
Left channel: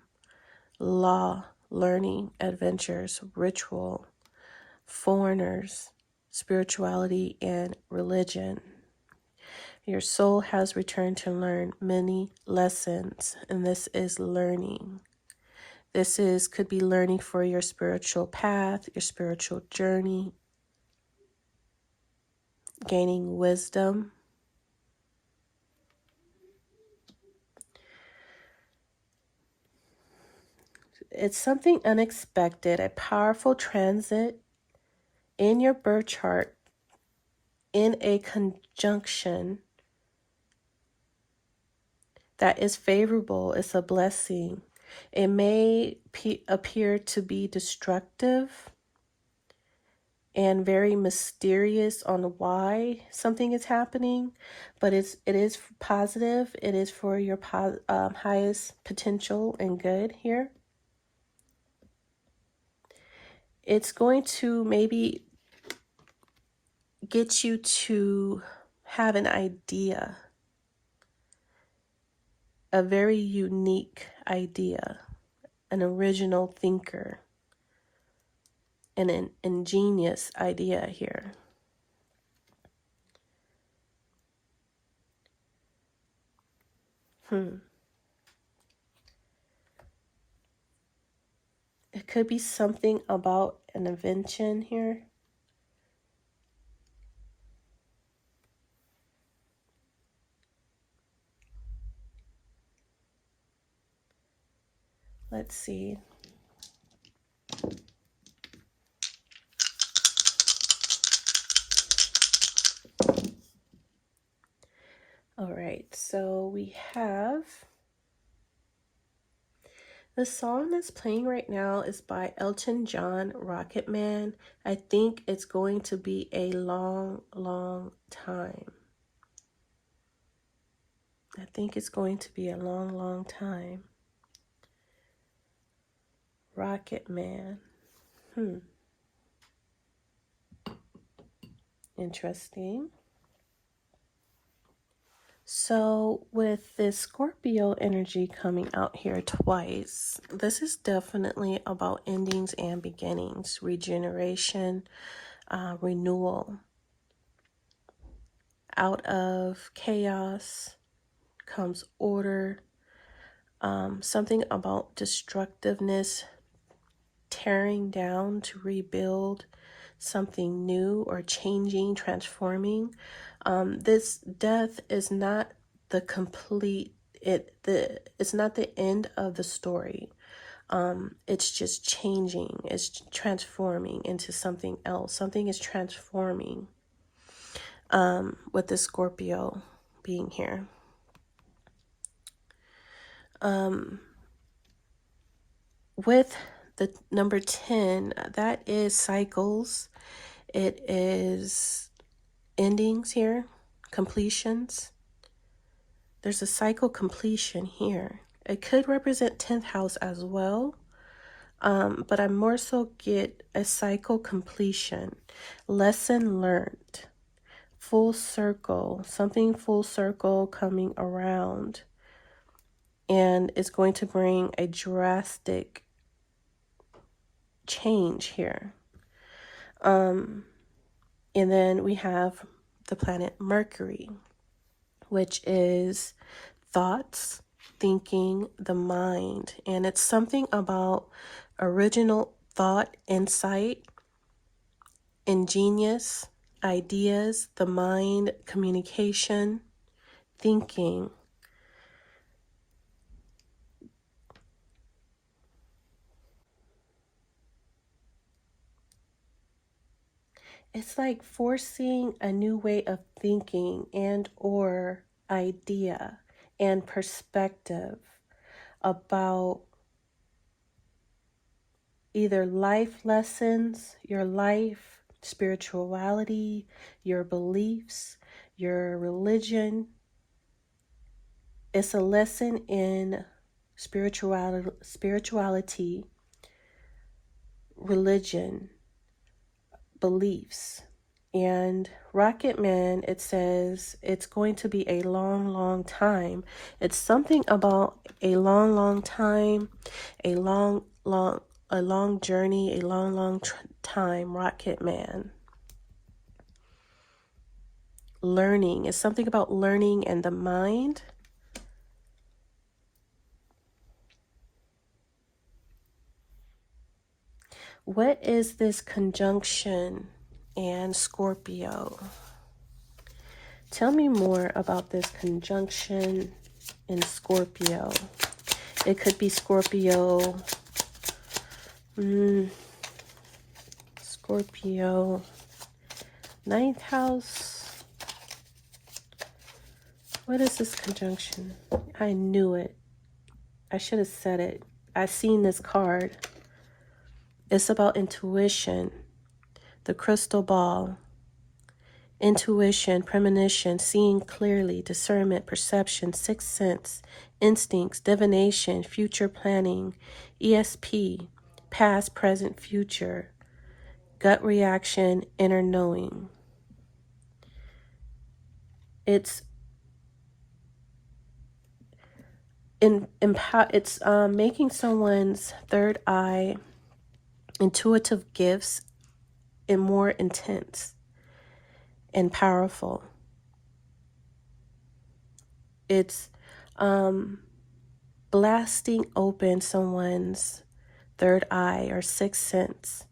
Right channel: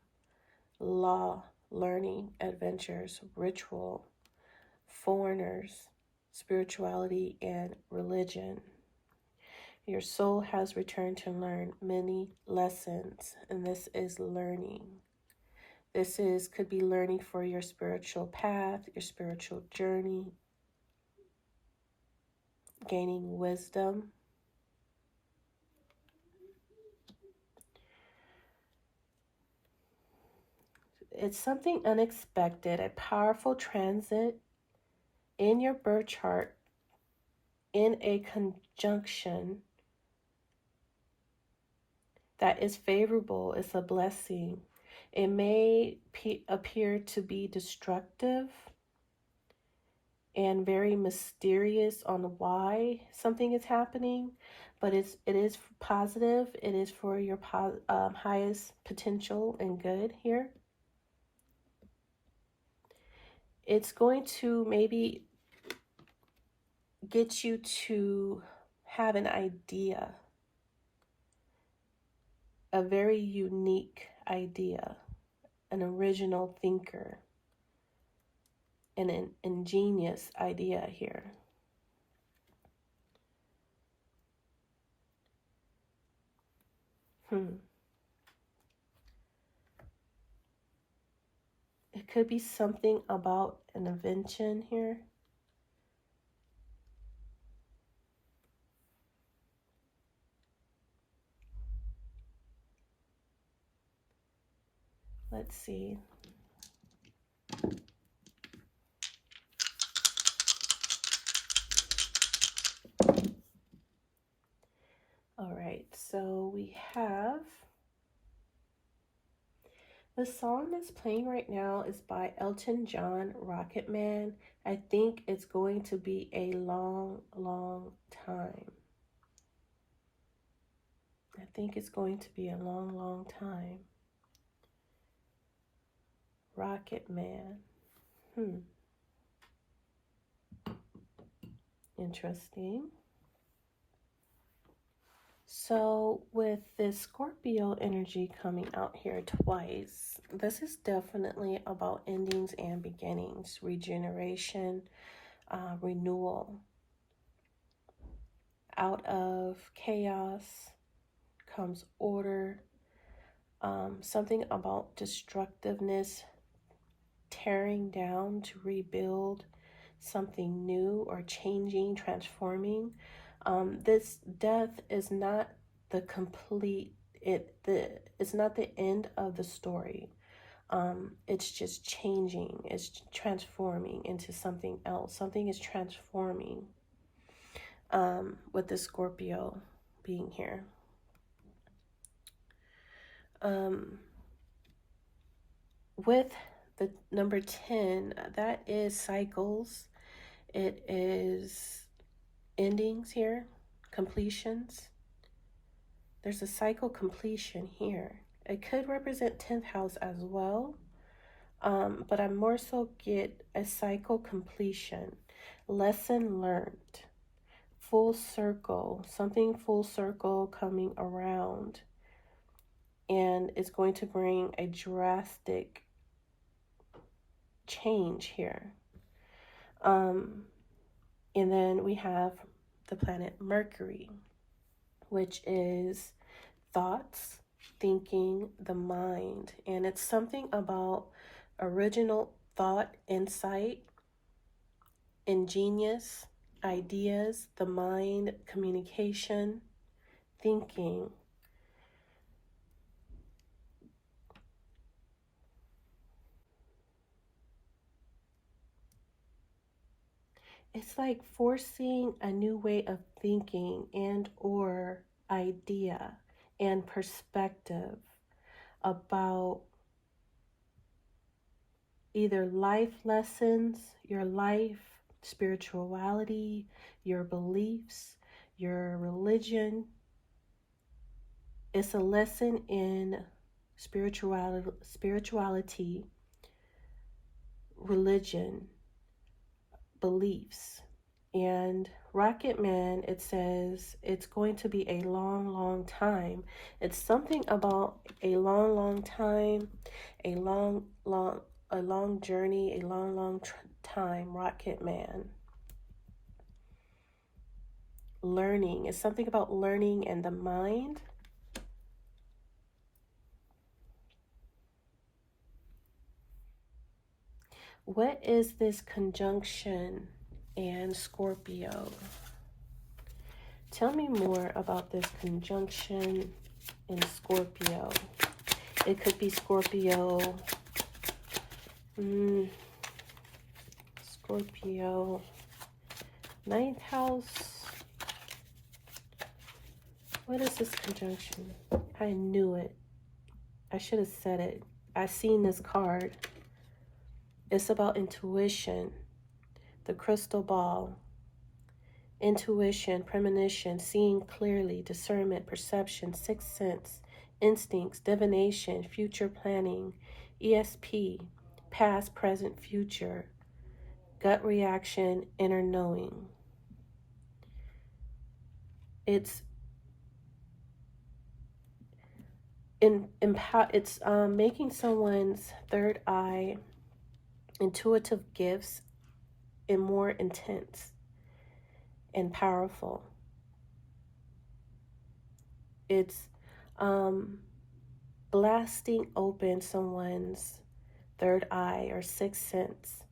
law, learning, adventures, ritual, foreigners, spirituality, and religion. Your soul has returned to learn many lessons, and this is learning. This could be learning for your spiritual path, your spiritual journey, gaining wisdom. It's something unexpected, a powerful transit in your birth chart in a conjunction that is favorable. It's a blessing. It may appear to be destructive and very mysterious on why something is happening, but it is positive. It is for your highest potential and good here. It's going to maybe get you to have an idea, a very unique idea, an original thinker, and an ingenious idea here. It could be something about an invention here. Let's see. All right, so we have The song that's playing right now is by Elton John, Rocket Man. I think it's going to be a long, long time. I think it's going to be a long, long time. Rocket Man. Interesting. So with this Scorpio energy coming out here twice, this is definitely about endings and beginnings, regeneration, renewal. Out of chaos comes order. Something about destructiveness, tearing down to rebuild something new or changing, transforming. This death is not the complete, it's not the end of the story. It's just changing, it's transforming into something else. Something is transforming with the Scorpio being here. With the number 10, that is cycles. It is endings here, completions. There's a cycle completion here. It could represent 10th house as well, but I more so get a cycle completion, lesson learned, full circle, something full circle coming around, and it's going to bring a drastic change here. And then we have the planet Mercury, which is thoughts, thinking, the mind. And it's something about original thought, insight, ingenious ideas, the mind, communication, thinking. It's like forcing a new way of thinking and or idea and perspective about either life lessons, your life, spirituality, your beliefs, your religion. It's a lesson in spirituality, religion, beliefs. And Rocket Man, it says it's going to be a long, long time. It's something about a long, long time, a long journey, a long, long time. Rocket Man. Learning. It's something about learning and the mind. What is this conjunction and Scorpio? Tell me more about this conjunction in Scorpio. It could be Scorpio. Scorpio. 9th house. What is this conjunction? I knew it. I should have said it. I seen this card. It's about intuition, the crystal ball, intuition, premonition, seeing clearly, discernment, perception, sixth sense, instincts, divination, future planning, ESP, past, present, future, gut reaction, inner knowing. It's making someone's third eye, intuitive gifts, and more intense and powerful. It's blasting open someone's third eye or sixth sense,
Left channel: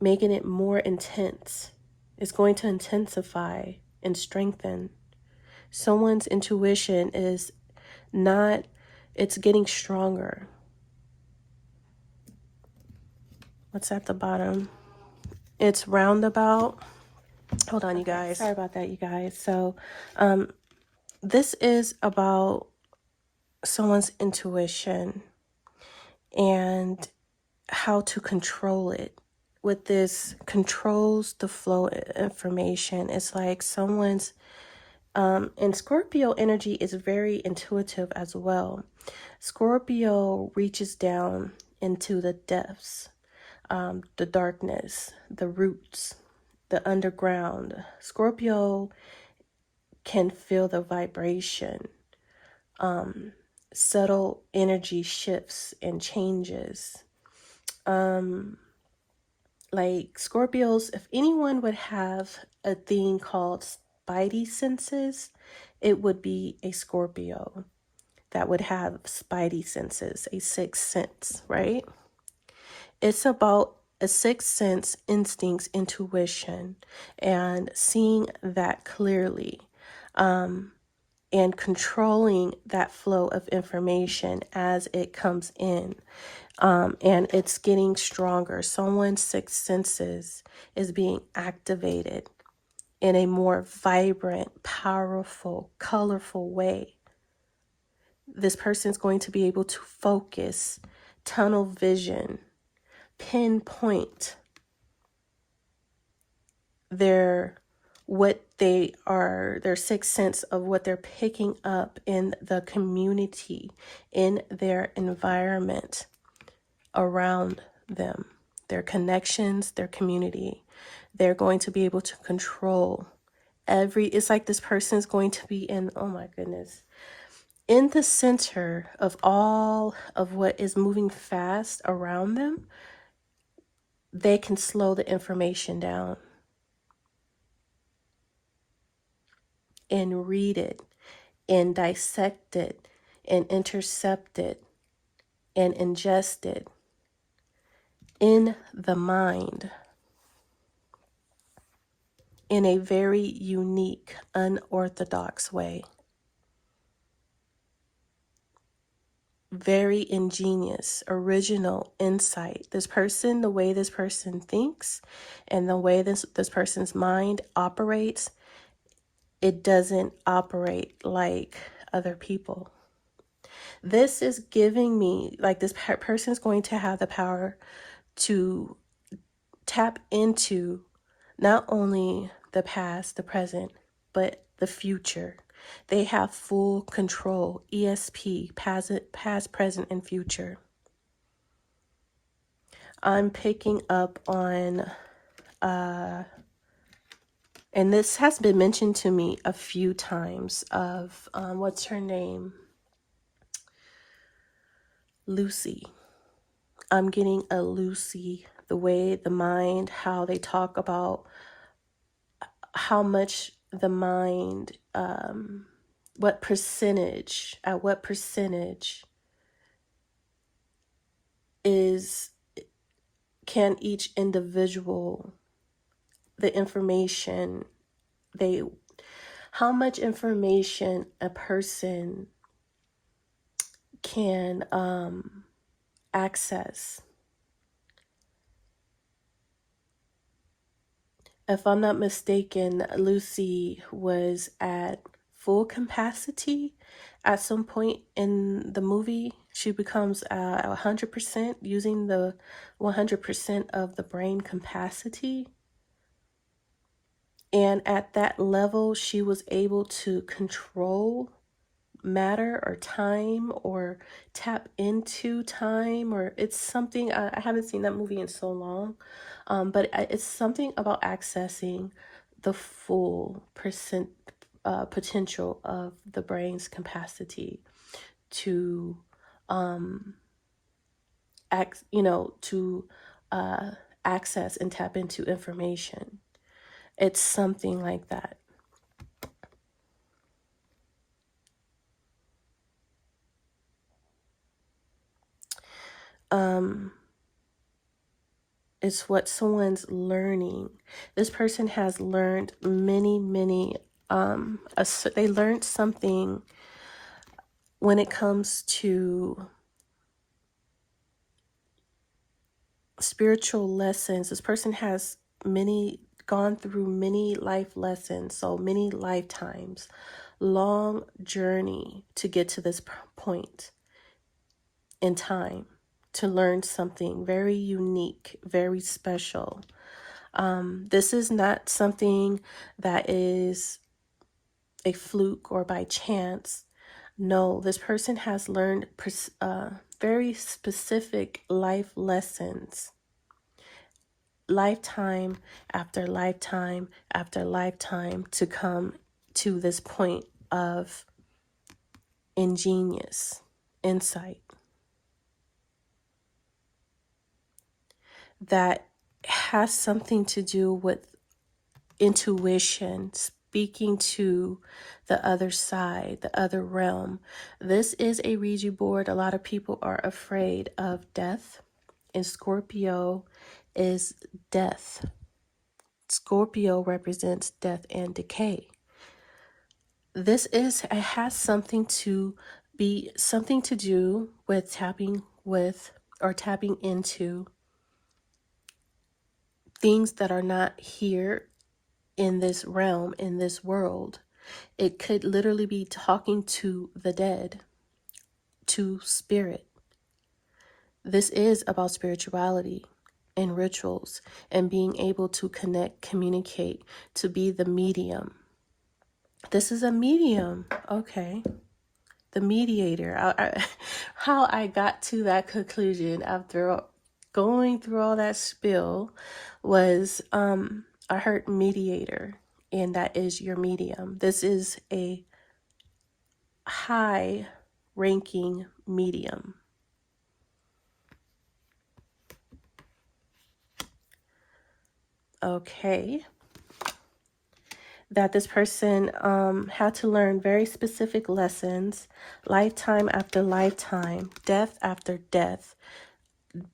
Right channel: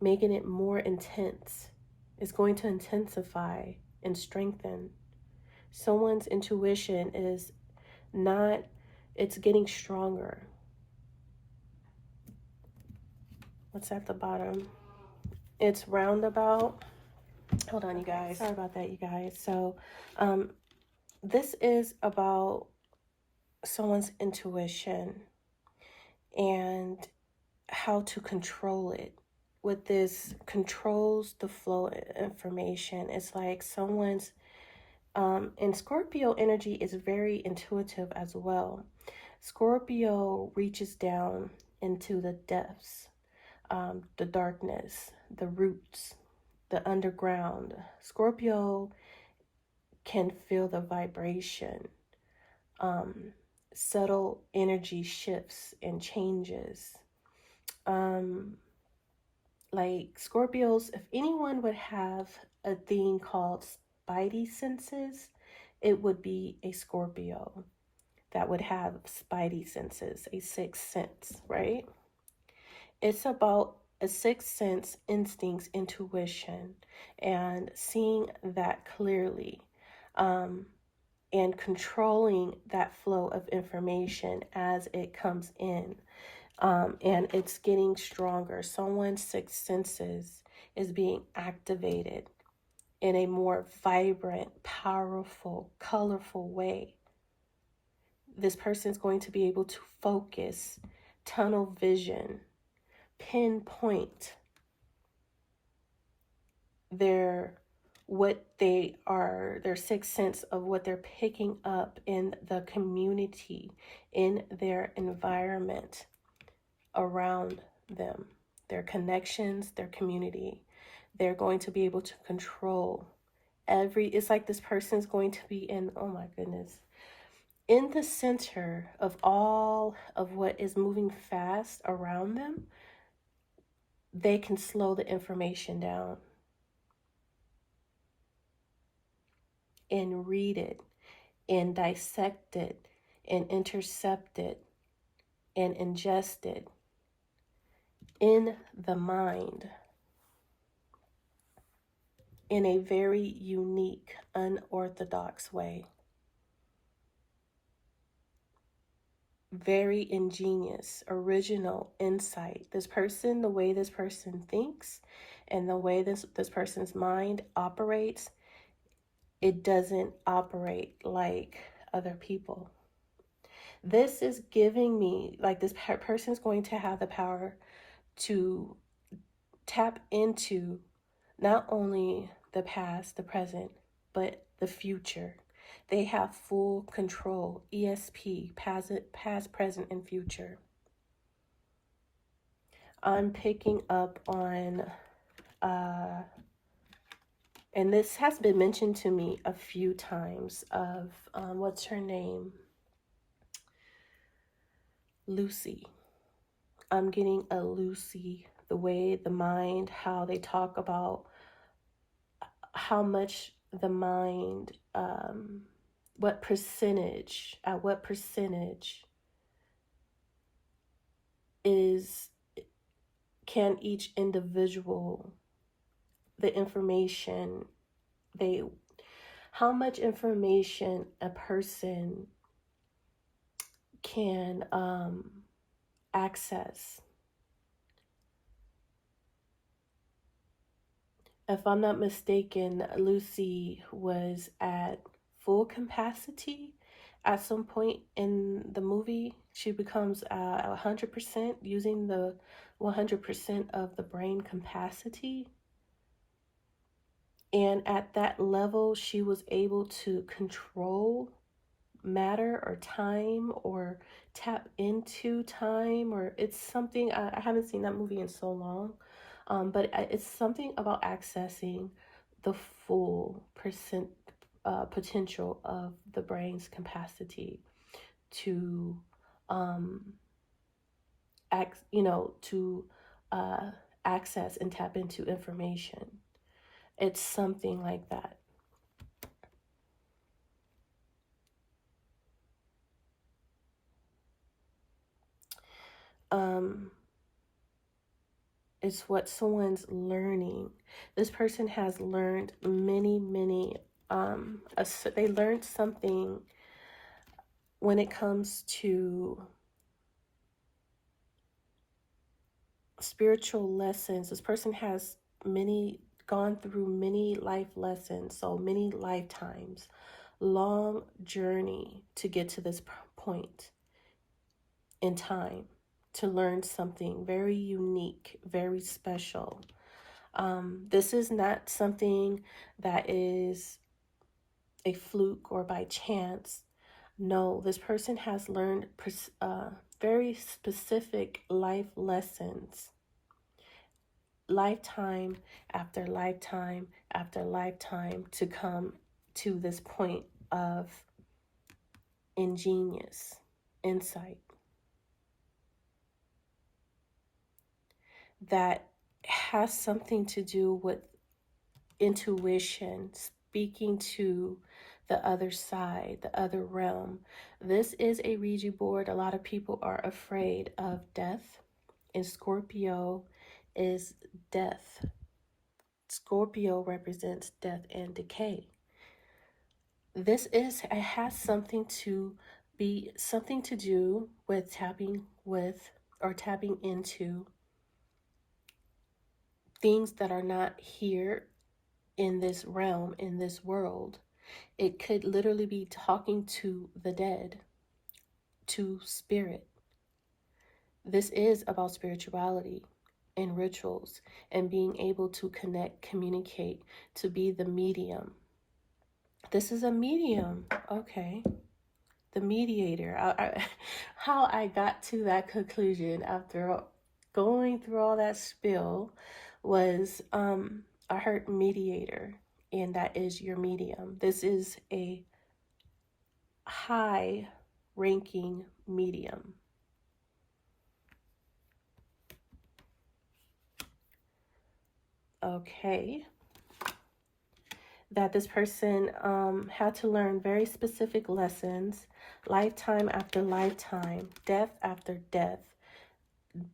making it more intense. It's going to intensify and strengthen. Someone's intuition is not, it's getting stronger. What's at the bottom? It's roundabout. Hold on, you guys. Sorry about that, you guys. So this is about someone's intuition. and how to control it. What this controls the flow of information. It's like someone's, and Scorpio energy is very intuitive as well. Scorpio reaches down into the depths, the darkness, the roots, the underground. Scorpio can feel the vibration, subtle energy shifts and changes. Like Scorpios, if anyone would have a thing called spidey senses, it would be a Scorpio that would have spidey senses, a sixth sense, right? It's about a sixth sense, instincts, intuition, and seeing that clearly, and controlling that flow of information as it comes in. And it's getting stronger. Someone's sixth senses is being activated in a more vibrant, powerful, colorful way. This person's going to be able to focus, tunnel vision, pinpoint their sixth sense of what they're picking up in the community, in their environment around them, their connections, their community. They're going to be able to control it's like this person's going to be in, oh my goodness, in the center of all of what is moving fast around them. They can slow the information down and read it and dissect it and intercept it and ingest it in the mind in a very unique, unorthodox way. Very ingenious, original insight. This person, the way this person thinks and the way this person's mind operates, it doesn't operate like other people. This is giving me, like, this person's going to have the power to tap into not only the past, the present, but the future. They have full control, ESP, past, present, and future. I'm picking up on, and this has been mentioned to me a few times, of, what's her name? Lucy. I'm getting a Lucy, the way the mind, how they talk about how much the mind, at what percentage can each individual, the information, how much information a person can access. If I'm not mistaken, Lucy was at full capacity at some point in the movie. She becomes 100%, using the 100% of the brain capacity. And at that level, she was able to control matter or time, or tap into time, or it's something, I haven't seen that movie in so long, but it's something about accessing the full potential of the brain's capacity to access and tap into information. It's something like that. It's what someone's learning. This person has learned many, they learned something when it comes to spiritual lessons. This person has gone through many life lessons, so many lifetimes, long journey to get to this point in time. to learn something very unique, very special. This is not something that is a fluke or by chance. No, this person has learned very specific life lessons, lifetime after lifetime after lifetime, to come to this point of ingenious insight that has something to do with intuition, speaking to the other side, the other realm. This is a Ouija board. A lot of people are afraid of death, and Scorpio is death. Scorpio represents death and decay. It has something to do with tapping into things that are not here in this realm, in this world. It could literally be talking to the dead, to spirit. This is about spirituality and rituals and being able to connect, communicate, to be the medium. This is a medium. Okay. The mediator. How I got to that conclusion after going through all that spill was I heard mediator, and that is your medium. This is a high ranking medium. Okay. That this person had to learn very specific lessons, lifetime after lifetime, death after death,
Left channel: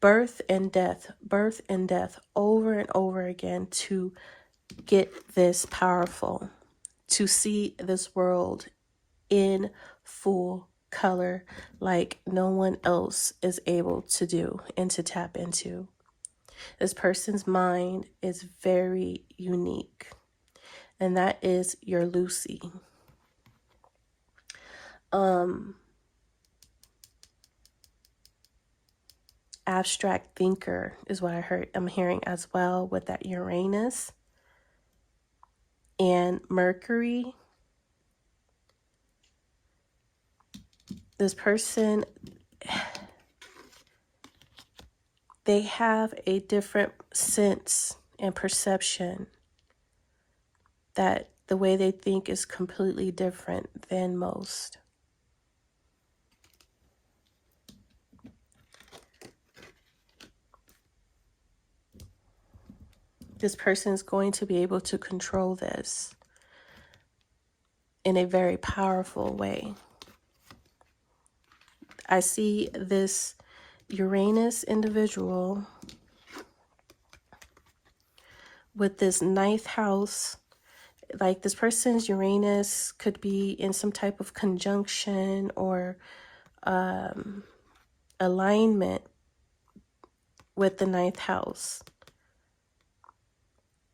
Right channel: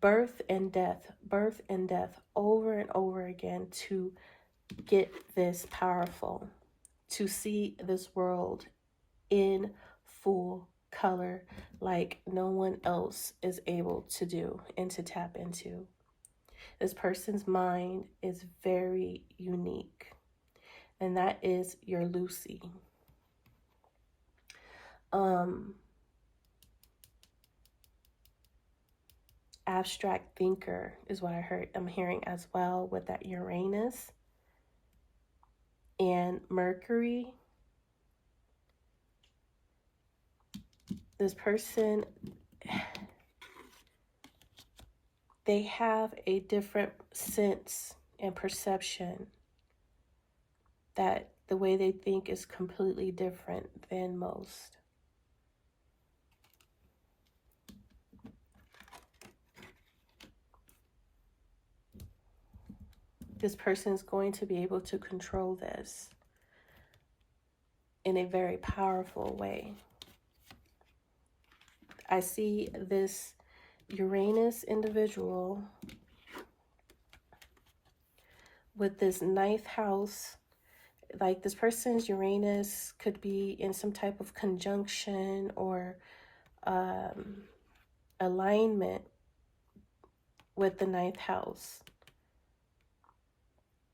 birth and death, over and over again, to get this powerful, to see this world in full color like no one else is able to do and to tap into. This person's mind is very unique, and that is your Lucy. Abstract thinker is what I'm hearing as well, with that Uranus and Mercury. This person, they have a different sense and perception, that the way they think is completely different than most. This person is going to be able to control this in a very powerful way. I see this Uranus individual with this ninth house. Like, this person's Uranus could be in some type of conjunction or alignment with the ninth house.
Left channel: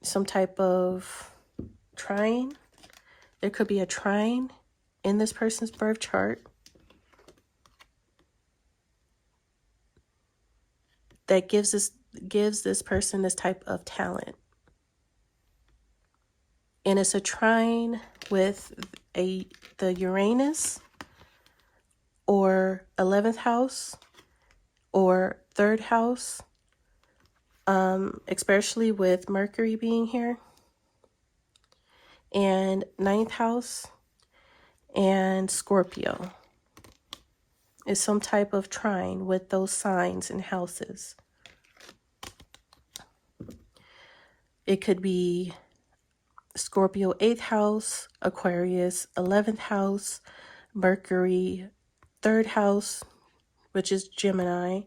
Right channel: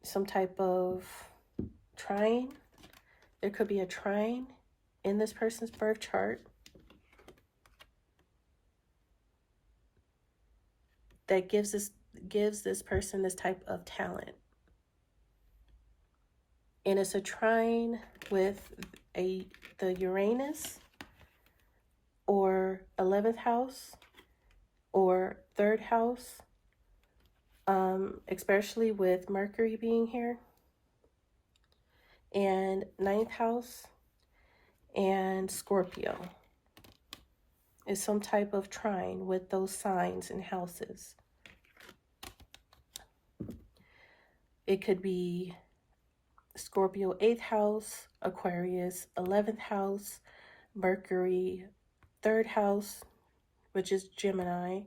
Some type of trine. There could be a trine in this person's birth chart that gives this person this type of talent. And it's a trine with the Uranus or 11th house or 3rd house, especially with Mercury being here, and 9th house and Scorpio. Is some type of trine with those signs and houses. It could be Scorpio 8th house, Aquarius 11th house, Mercury 3rd house, which is Gemini,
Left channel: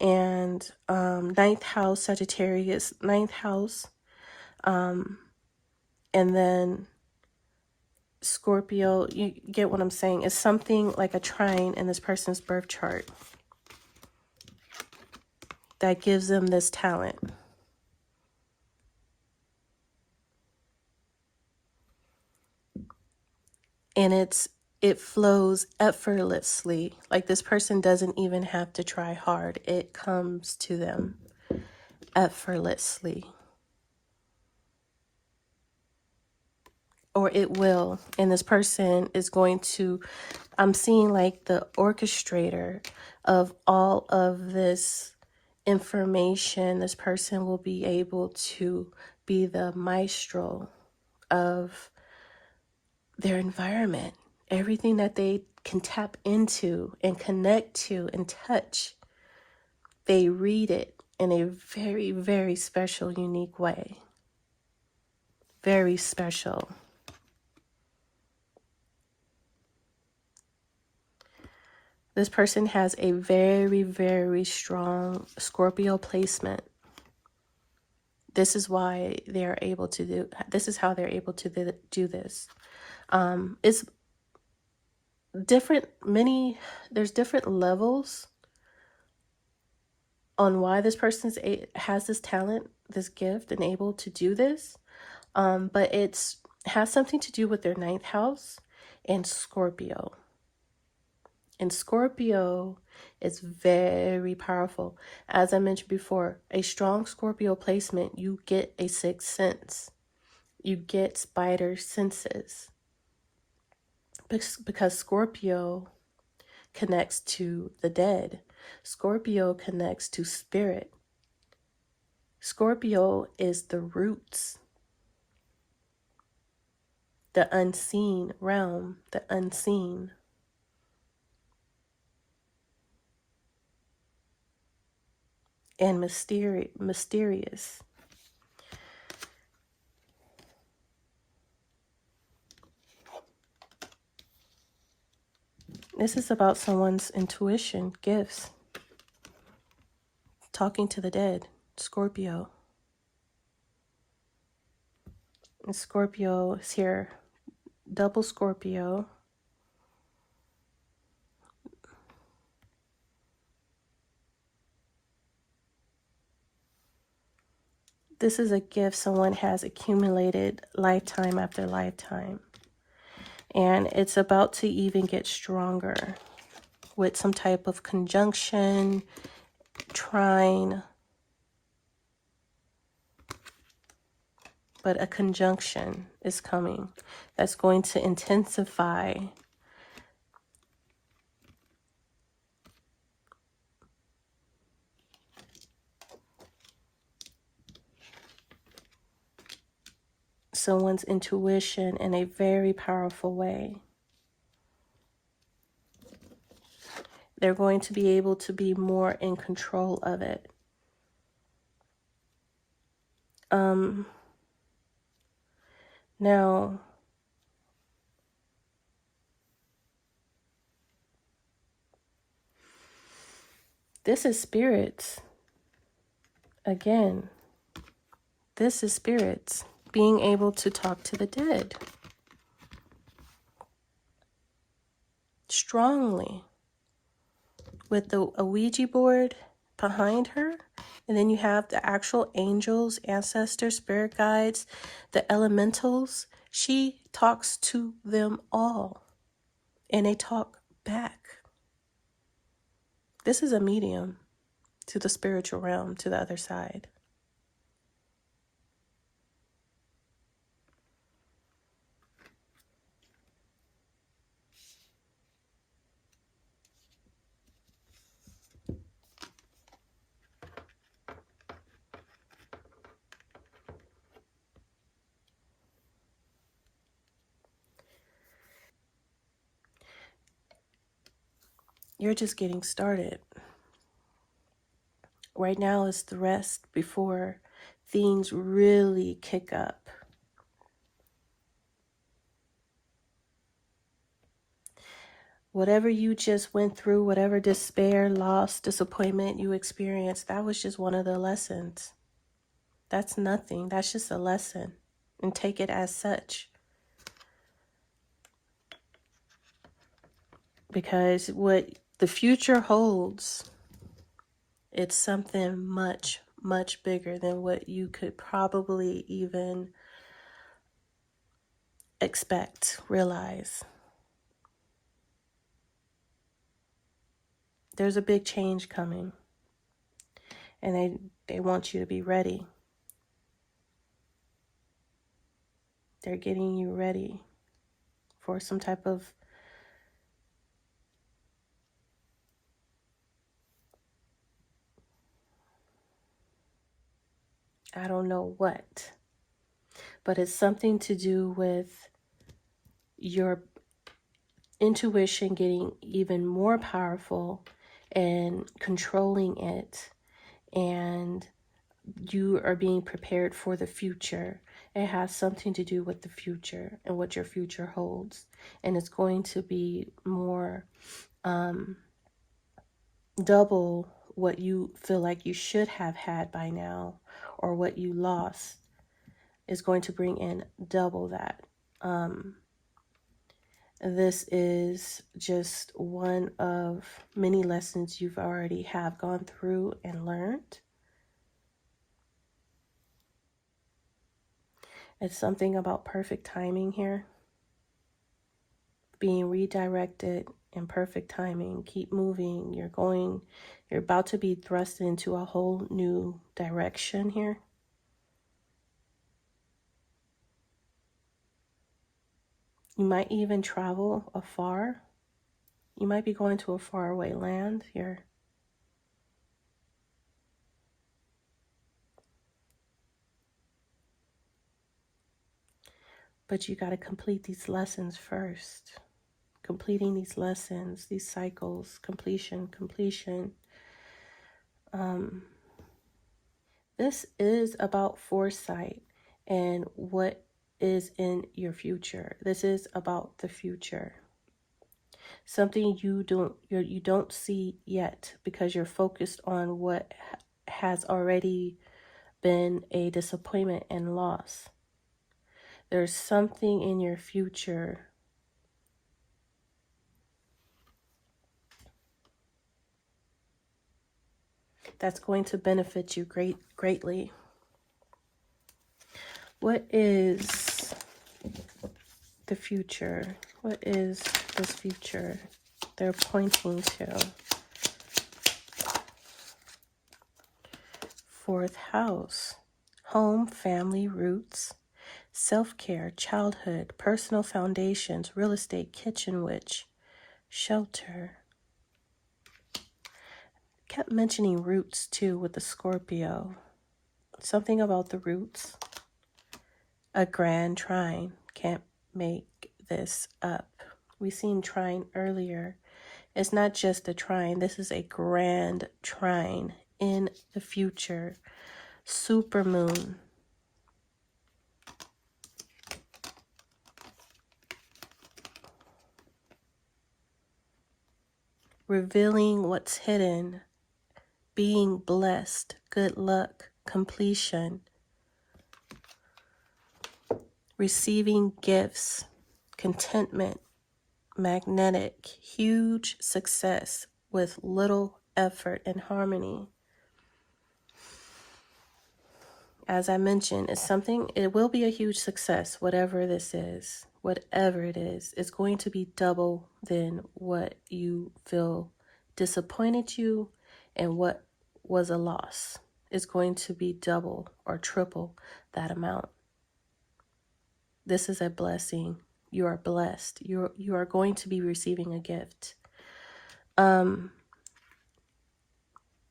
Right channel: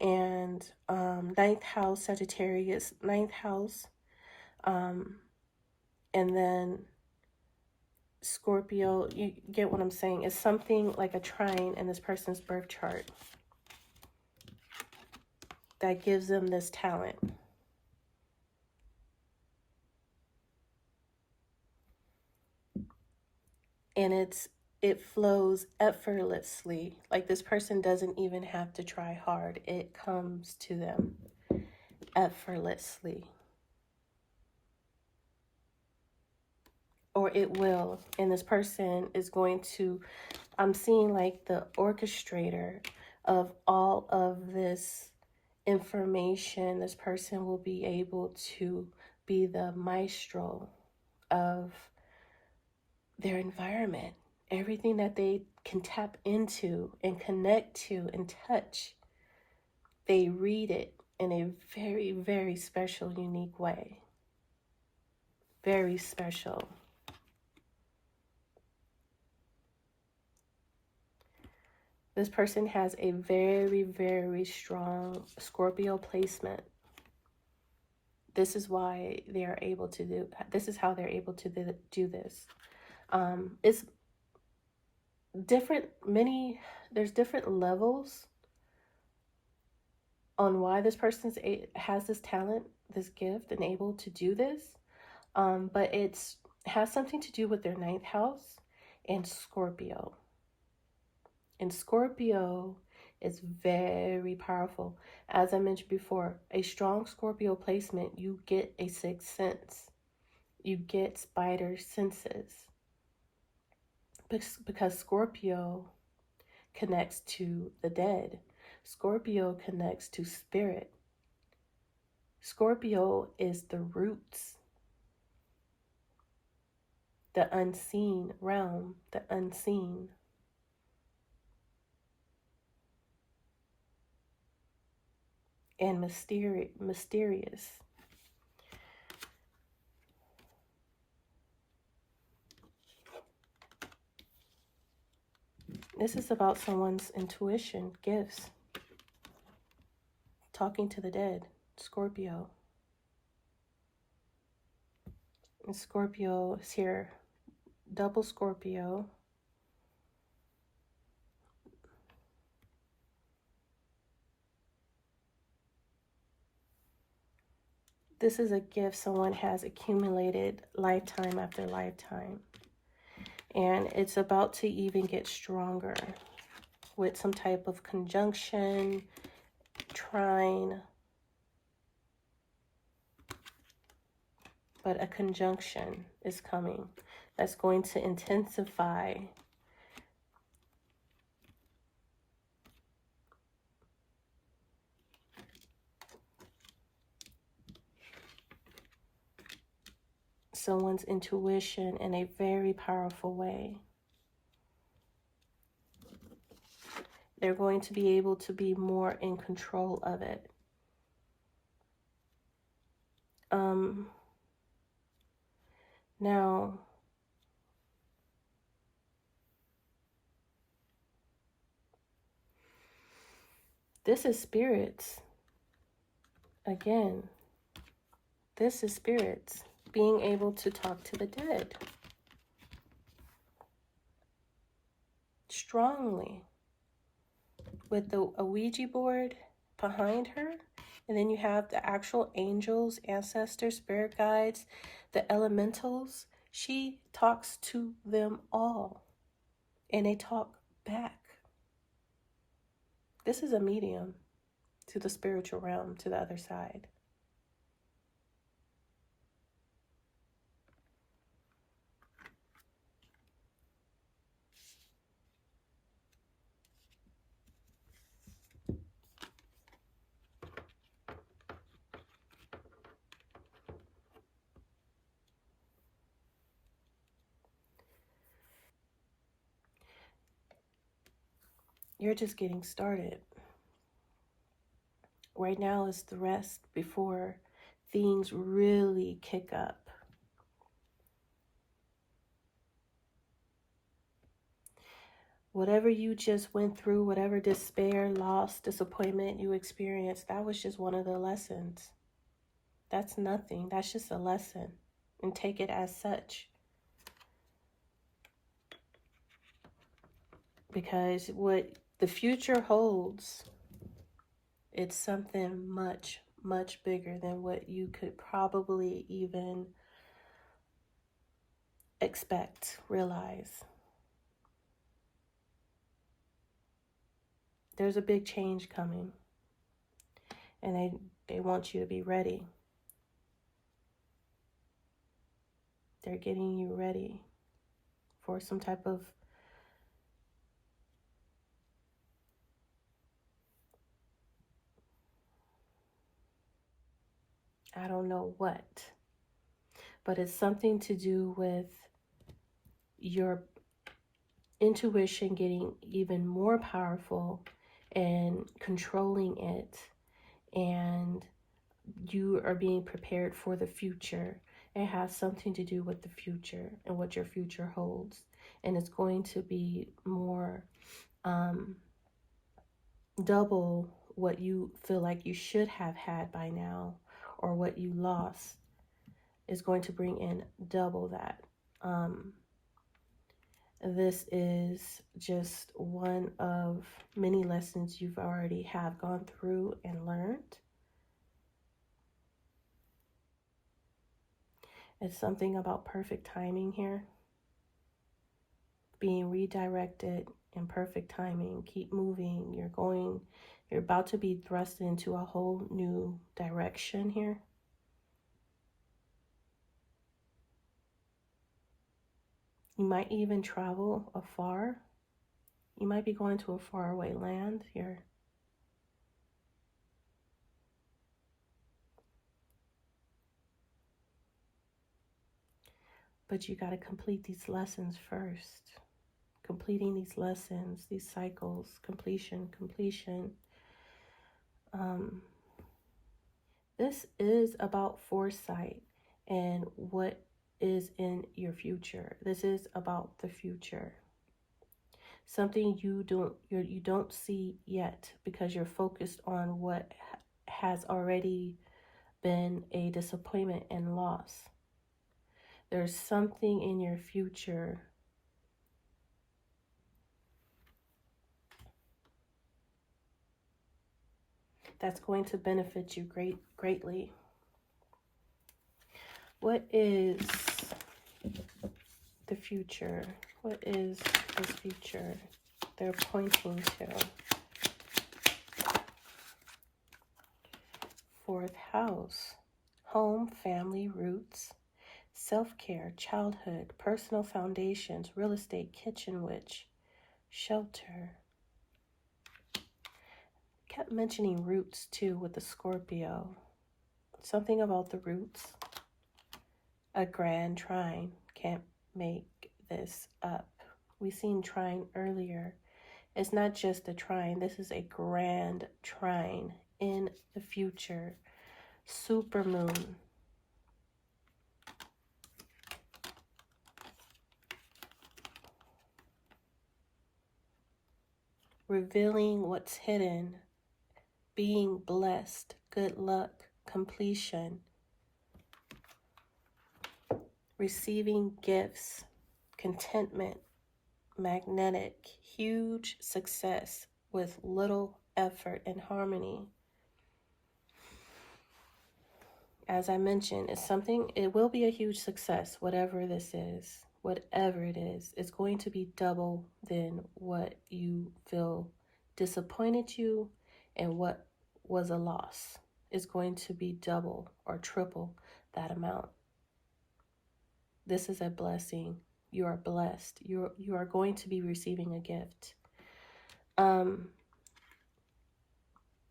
and 9th house, Sagittarius 9th house, and then Scorpio. You get what I'm saying? It's something like a trine in this person's birth chart that gives them this talent. And it flows effortlessly. Like this person doesn't even have to try hard. It comes to them effortlessly. Or it will. And this person is going to, I'm seeing like the orchestrator of all of this information. This person will be able to be the maestro of their environment. Everything that they can tap into and connect to and touch, they read it in a very, very special, unique way. Very special. This person has a very, very strong Scorpio placement. This is why they're able to do, this is how they're able to do this. It's different, there's different levels on why this person has this talent, this gift, and able to do this. But it has something to do with their 9th house and Scorpio. And Scorpio is very powerful. As I mentioned before, a strong Scorpio placement, you get a 6th sense. You get spider senses. Because Scorpio connects to the dead. Scorpio connects to spirit. Scorpio is the roots, the unseen realm, the unseen. And mysterious. This is about someone's intuition, gifts, talking to the dead, Scorpio. And Scorpio is here, double Scorpio. This is a gift someone has accumulated lifetime after lifetime. And it's about to even get stronger with some type of conjunction, trine. But a conjunction is coming that's going to intensify someone's intuition in a very powerful way. They're going to be able to be more in control of it. Now, this is spirits. Again, this is spirits being able to talk to the dead. Strongly. With a Ouija board behind her. And then you have the actual angels, ancestors, spirit guides, the elementals. She talks to them all. And they talk back. This is a medium to the spiritual realm, to the other side. You're just getting started. Right now is the rest before things really kick up. Whatever you just went through, whatever despair, loss, disappointment you experienced, that was just one of the lessons. That's nothing. That's just a lesson. And take it as such. Because what the future holds, it's something much, much bigger than what you could probably even expect, realize. There's a big change coming, and they want you to be ready. They're getting you ready for some type of I don't know what, but it's something to do with your intuition getting even more powerful and controlling it, and you are being prepared for the future. It has something to do with the future and what your future holds, and it's going to be more double what you feel like you should have had by now, or what you lost is going to bring in double that. This is just one of many lessons you've already have gone through and learned. It's something about perfect timing here. Being redirected in perfect timing. Keep moving. You're about to be thrust into a whole new direction here. You might even travel afar. You might be going to a faraway land here. But you got to complete these lessons first. Completing these lessons, these cycles, completion. This is about foresight and what is in your future. This is about the future. Something you don't see yet because you're focused on what has already been a disappointment and loss. There's something in your future that's going to benefit you greatly. What is the future? What is this future they're pointing to? Fourth house, home, family, roots, self-care, childhood, personal foundations, real estate, kitchen witch, shelter. Kept mentioning roots too with the Scorpio. Something about the roots. A grand trine. Can't make this up. We seen trine earlier. It's not just a trine. This is a grand trine in the future. Supermoon. Revealing what's hidden. Being blessed. Good luck. Completion. Receiving gifts. Contentment. Magnetic. Huge success with little effort and harmony. As I mentioned, it will be a huge success, whatever this is, whatever it is. It's going to be double than what you feel disappointed you and what was a loss. It's going to be double or triple that amount. This is a blessing. You are blessed. You are going to be receiving a gift.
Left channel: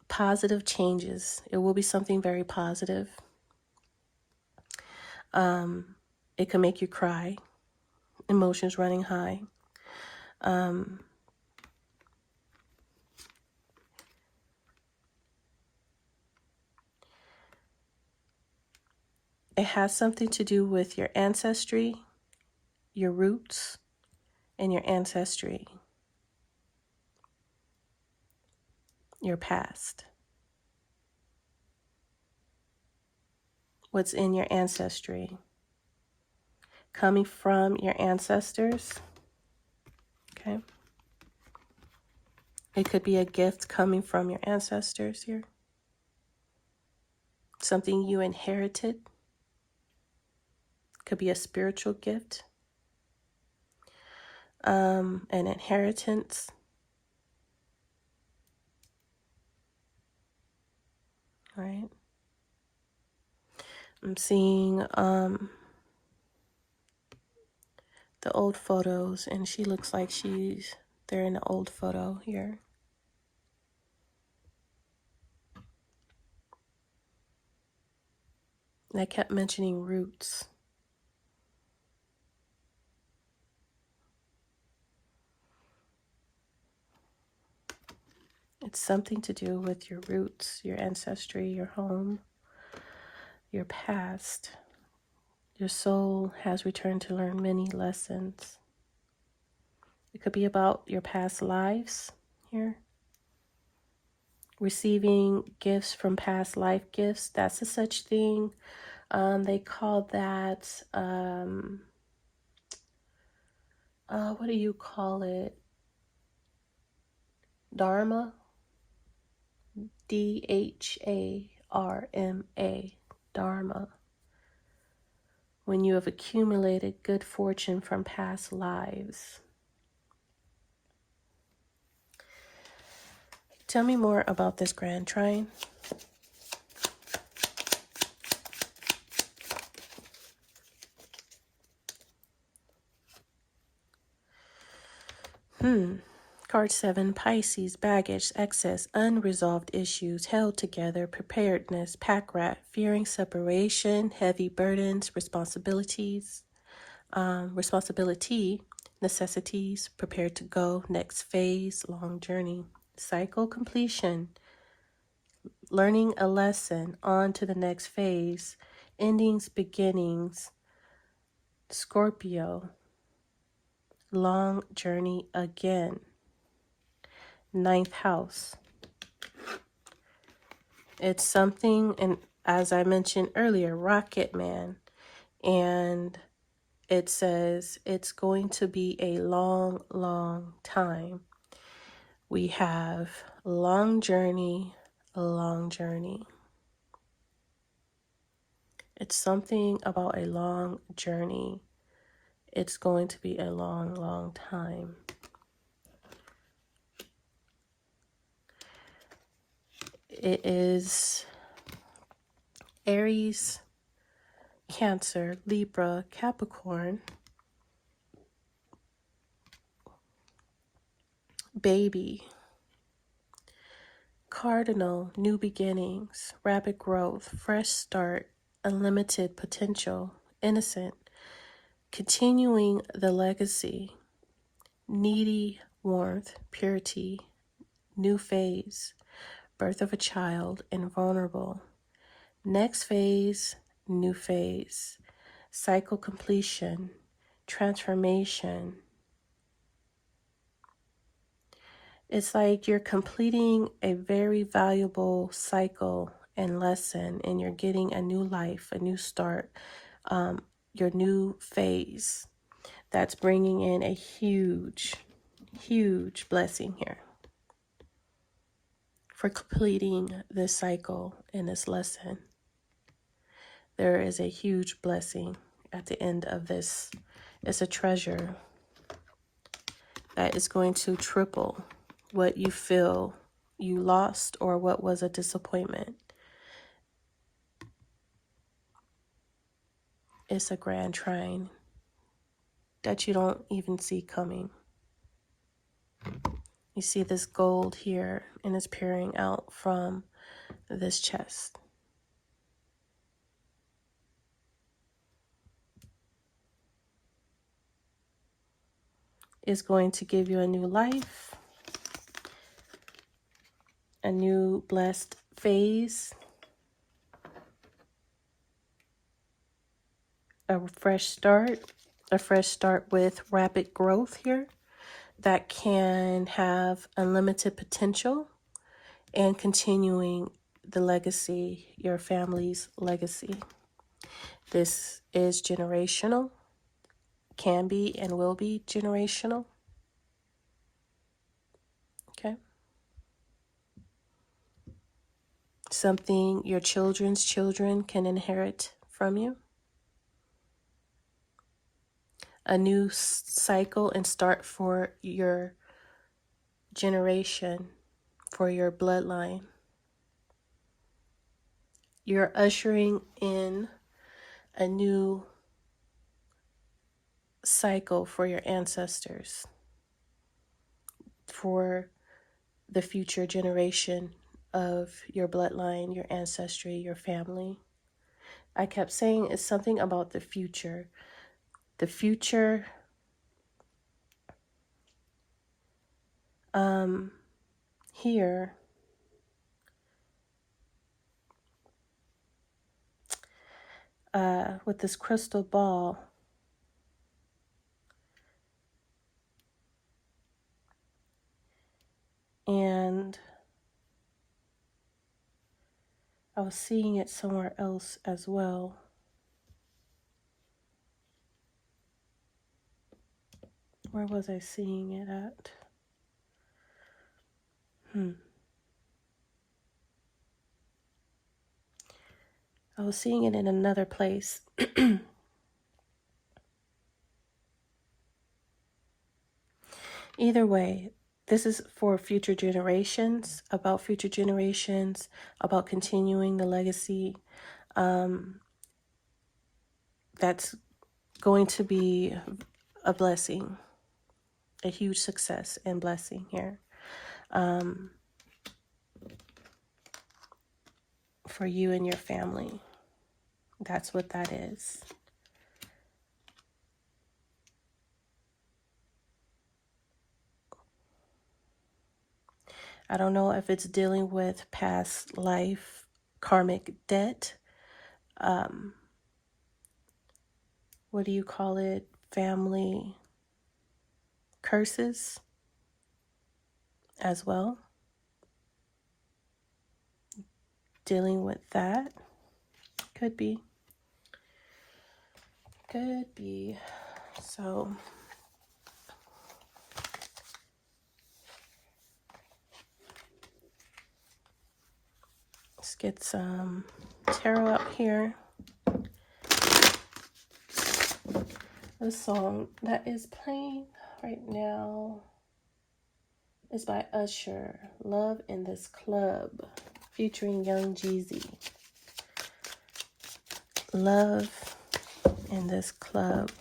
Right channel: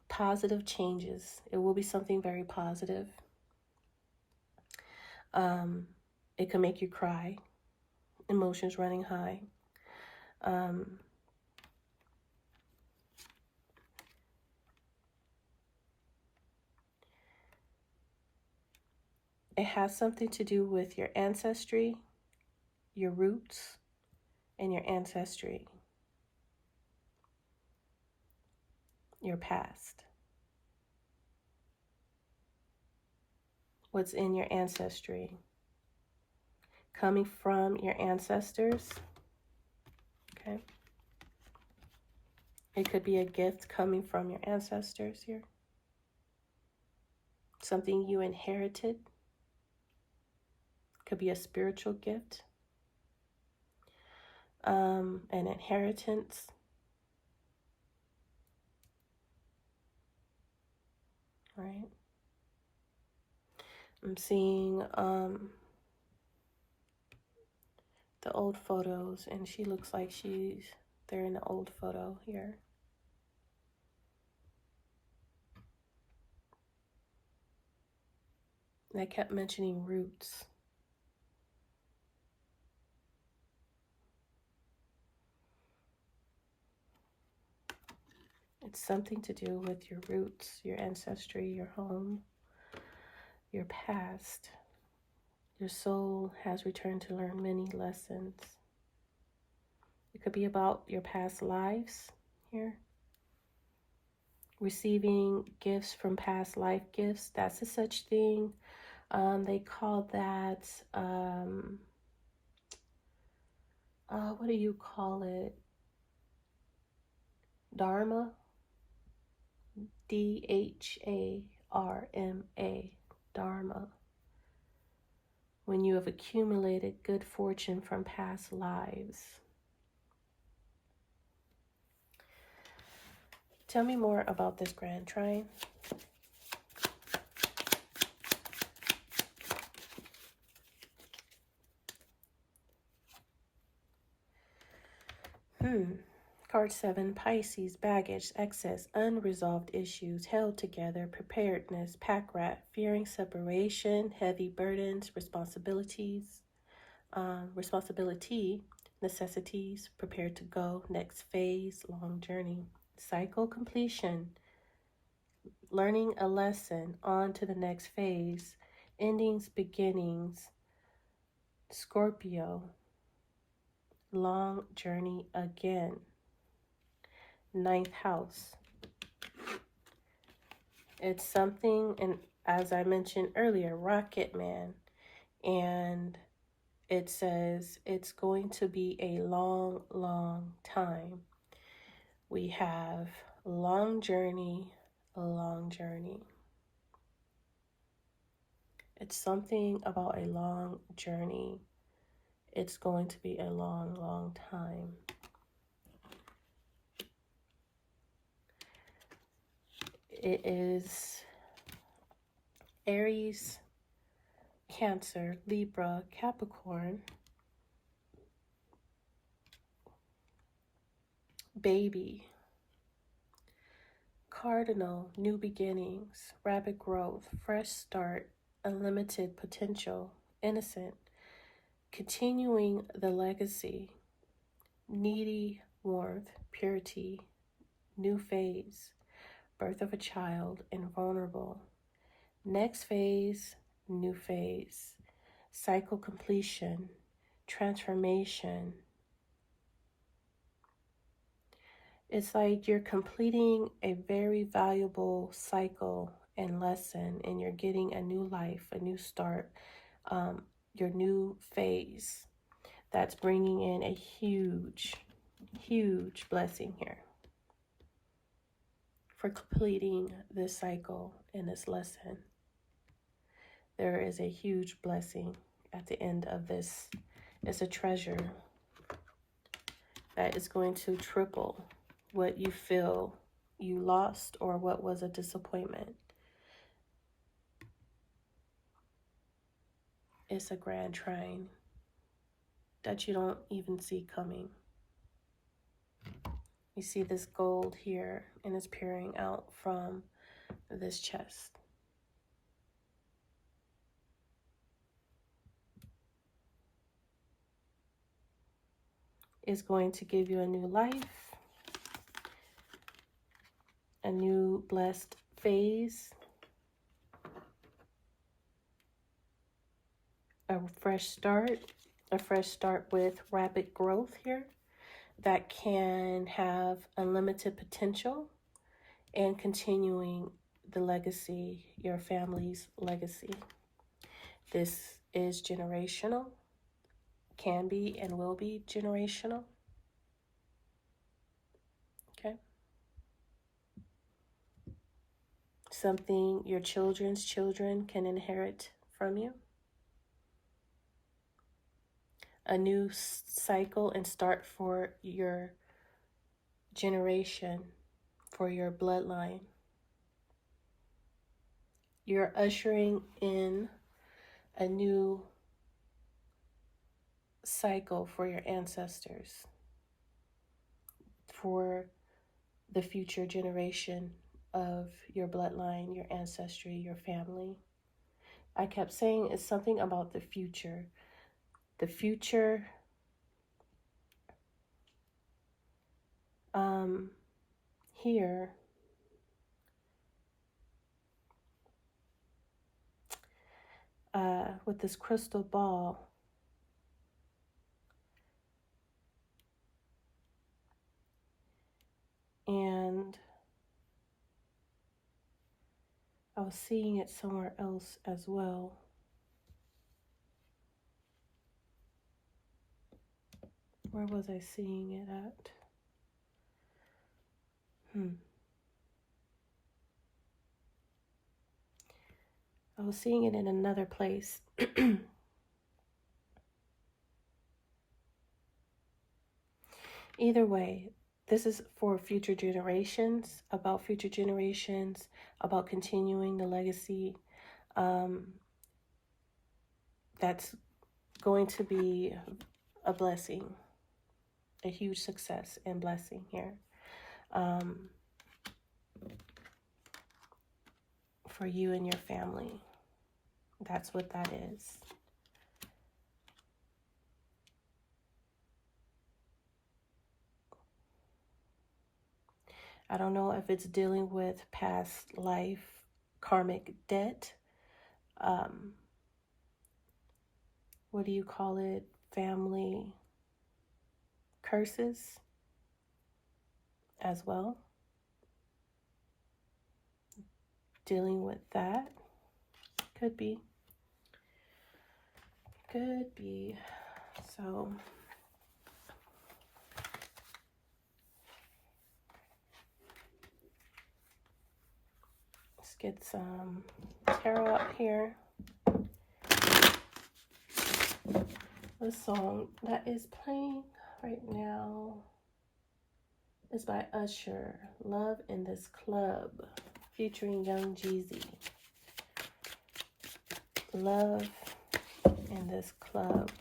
Positive changes. It will be something very positive. It can make you cry, emotions running high. It has something to do with your ancestry, your roots, and your ancestry, your past. What's in your ancestry? Coming from your ancestors. Okay. It could be a gift coming from your ancestors here. Something you inherited. Could be a spiritual gift. An inheritance. right? I'm seeing the old photos, and she looks like they're in the old photo here. And I kept mentioning roots. It's something to do with your roots, your ancestry, your home, your past. Your soul has returned to learn many lessons. It could be about your past lives here. Receiving gifts from past life gifts, that's a such thing. They call that, what do you call it? Dharma? D-H-A-R-M-A. Dharma. When you have accumulated good fortune from past lives. Tell me more about this grand trine. Card 7, Pisces, baggage, excess, unresolved issues, held together, preparedness, pack rat, fearing separation, heavy burdens, responsibility, necessities, prepared to go, next phase, long journey, cycle completion, learning a lesson, on to the next phase, endings, beginnings, Scorpio, long journey again. 9th house. It's something, and as I mentioned earlier, Rocket Man. And it says it's going to be a long, long time. We have long journey, a long journey. It's something about a long journey. It's going to be a long, long time. It is Aries, Cancer, Libra, Capricorn, baby, cardinal, new beginnings, rapid growth, fresh start, unlimited potential, innocent, continuing the legacy, needy warmth, purity, new phase, birth of a child, and vulnerable. Next phase, new phase, cycle completion, transformation. It's like you're completing a very valuable cycle and lesson, and you're getting a new life, a new start, your new phase. That's bringing in a huge, huge blessing here for completing this cycle and this lesson. There is a huge blessing at the end of this. It's a treasure that is going to triple what you feel you lost or what was a disappointment. It's a grand trine that you don't even see coming. You see this gold here, and it's peering out from this chest. It's going to give you a new life, a new blessed phase, a fresh start with rapid growth here that can have unlimited potential and continuing the legacy, your family's legacy. This is generational, can be and will be generational. Okay. Something your children's children can inherit from you. A new cycle and start for your generation, for your bloodline. You're ushering in a new cycle for your ancestors, for the future generation of your bloodline, your ancestry, your family. I kept saying it's something about the future. The future, here, with this crystal ball, and I was seeing it somewhere else as well. Where was I seeing it at? I was seeing it in another place. Either way, this is for future generations, about future generations, about continuing the legacy. That's going to be a blessing, a huge success and blessing here. For you and your family. That's what that is. I don't know if it's dealing with past life karmic debt. What do you call it? Family curses as well. Dealing with that. Could be. Could be. So let's get some tarot out here. The song that is playing right now is by Usher, Love in This Club, featuring Young Jeezy. Love in This Club.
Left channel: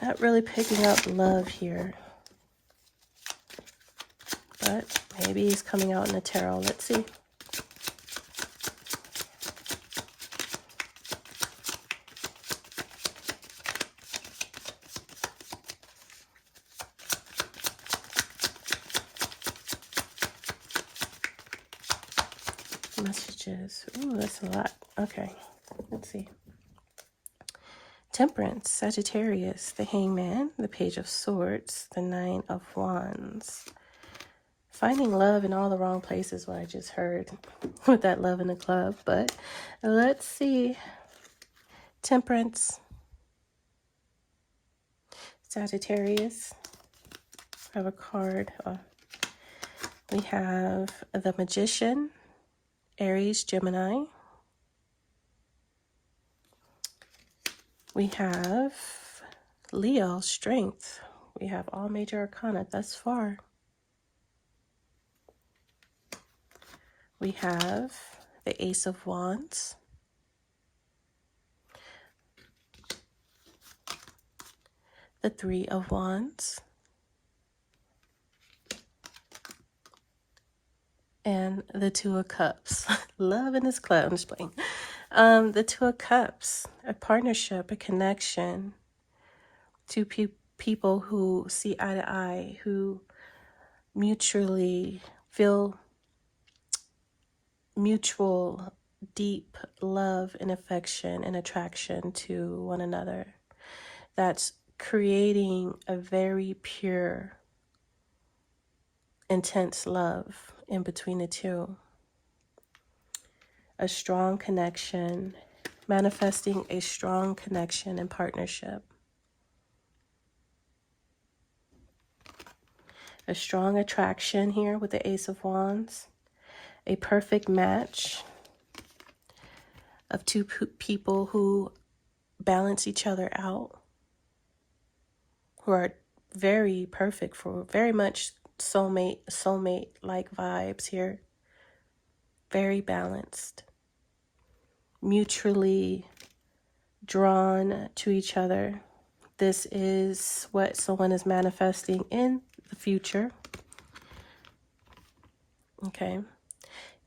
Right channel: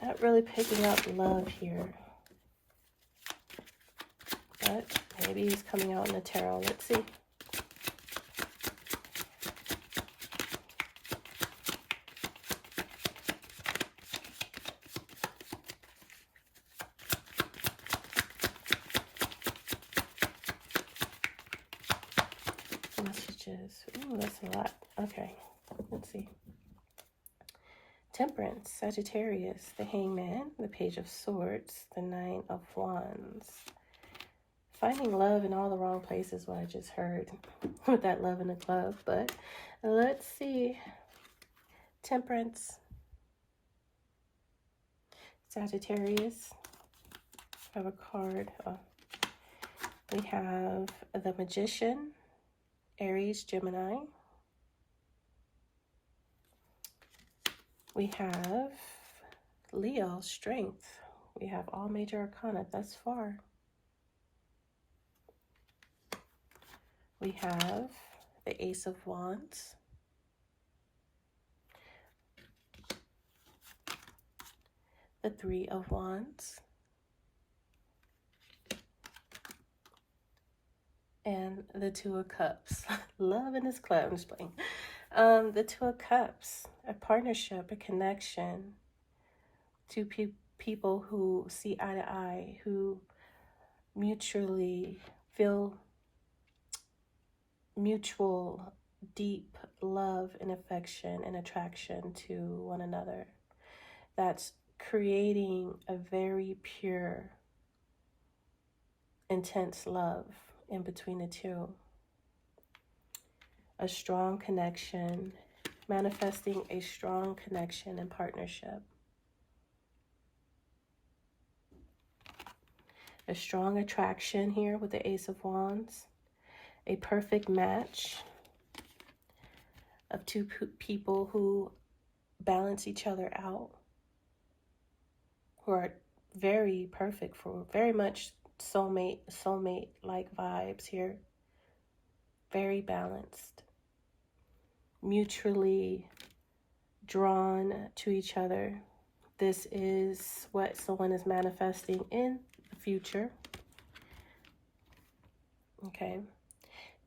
Not really picking up love here, but maybe he's coming out in the tarot. Let's see. Messages. Ooh, that's a lot. Okay, let's see. Temperance, Sagittarius, the Hangman, the Page of Swords, the Nine of Wands. Finding love in all the wrong places, what I just heard with that love in the club. But let's see. Temperance, Sagittarius. I have a card. We have the Magician, Aries, Gemini. We have Leo, Strength. We have all major arcana thus far. We have the Ace of Wands. The Three of Wands. And the Two of Cups. Love in this club. I'm just playing. The Two of Cups. A partnership, a connection. Two people who see eye to eye, who mutually feel mutual, deep love and affection and attraction to one another. That's creating a very pure, intense love in between the two. A strong connection, manifesting a strong connection and partnership. A strong attraction here with the Ace of Wands. A perfect match of two people who balance each other out. Who are very perfect for, very much soulmate like vibes here. Very balanced, mutually drawn to each other. This is what someone is manifesting in the future. Okay.